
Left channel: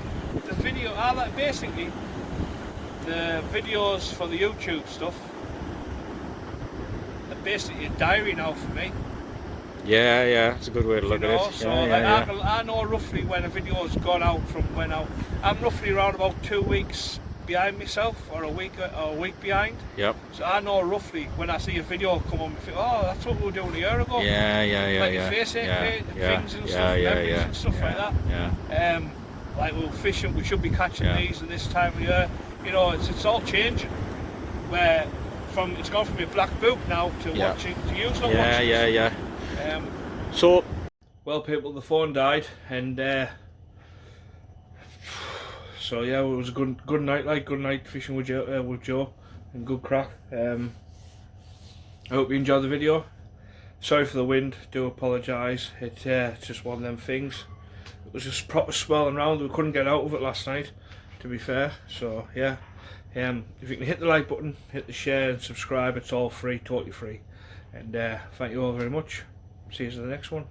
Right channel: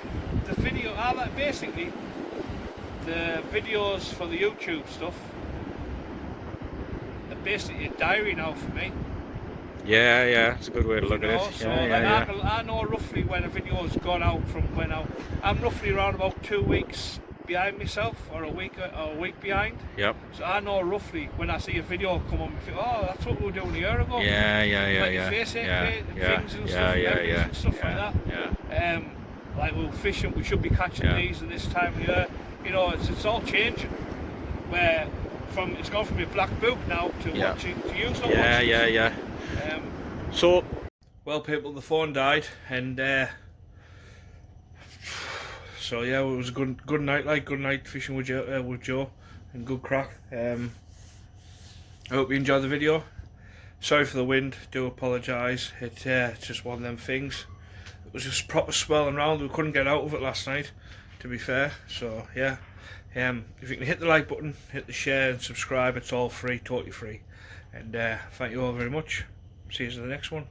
basically the videos for the YouTube stuff are basically a diary now for me. Yeah, it's a good way to look at it. So I know roughly when a video has gone out from when I'm roughly around about 2 weeks behind myself, or a week behind. Yep. So I know roughly when I see a video come on, I think, oh, that's what we were doing a year ago. Like your face things and stuff, memories and stuff like that. Yeah. Like we were fishing, we should be catching these at this time of year. You know, it's all changing. Where it's gone from a black book now to watching, to use not watching. Yeah. So, well, people, the phone died, and so yeah, it was a good night fishing with Joe, and good crack. I hope you enjoyed the video. Sorry for the wind, do apologise. It's just one of them things. It was just proper swelling around. We couldn't get out of it last night, to be fair. So yeah, if you can hit the like button, hit the share and subscribe, it's all free, totally free. And thank you all very much. See you in the next one.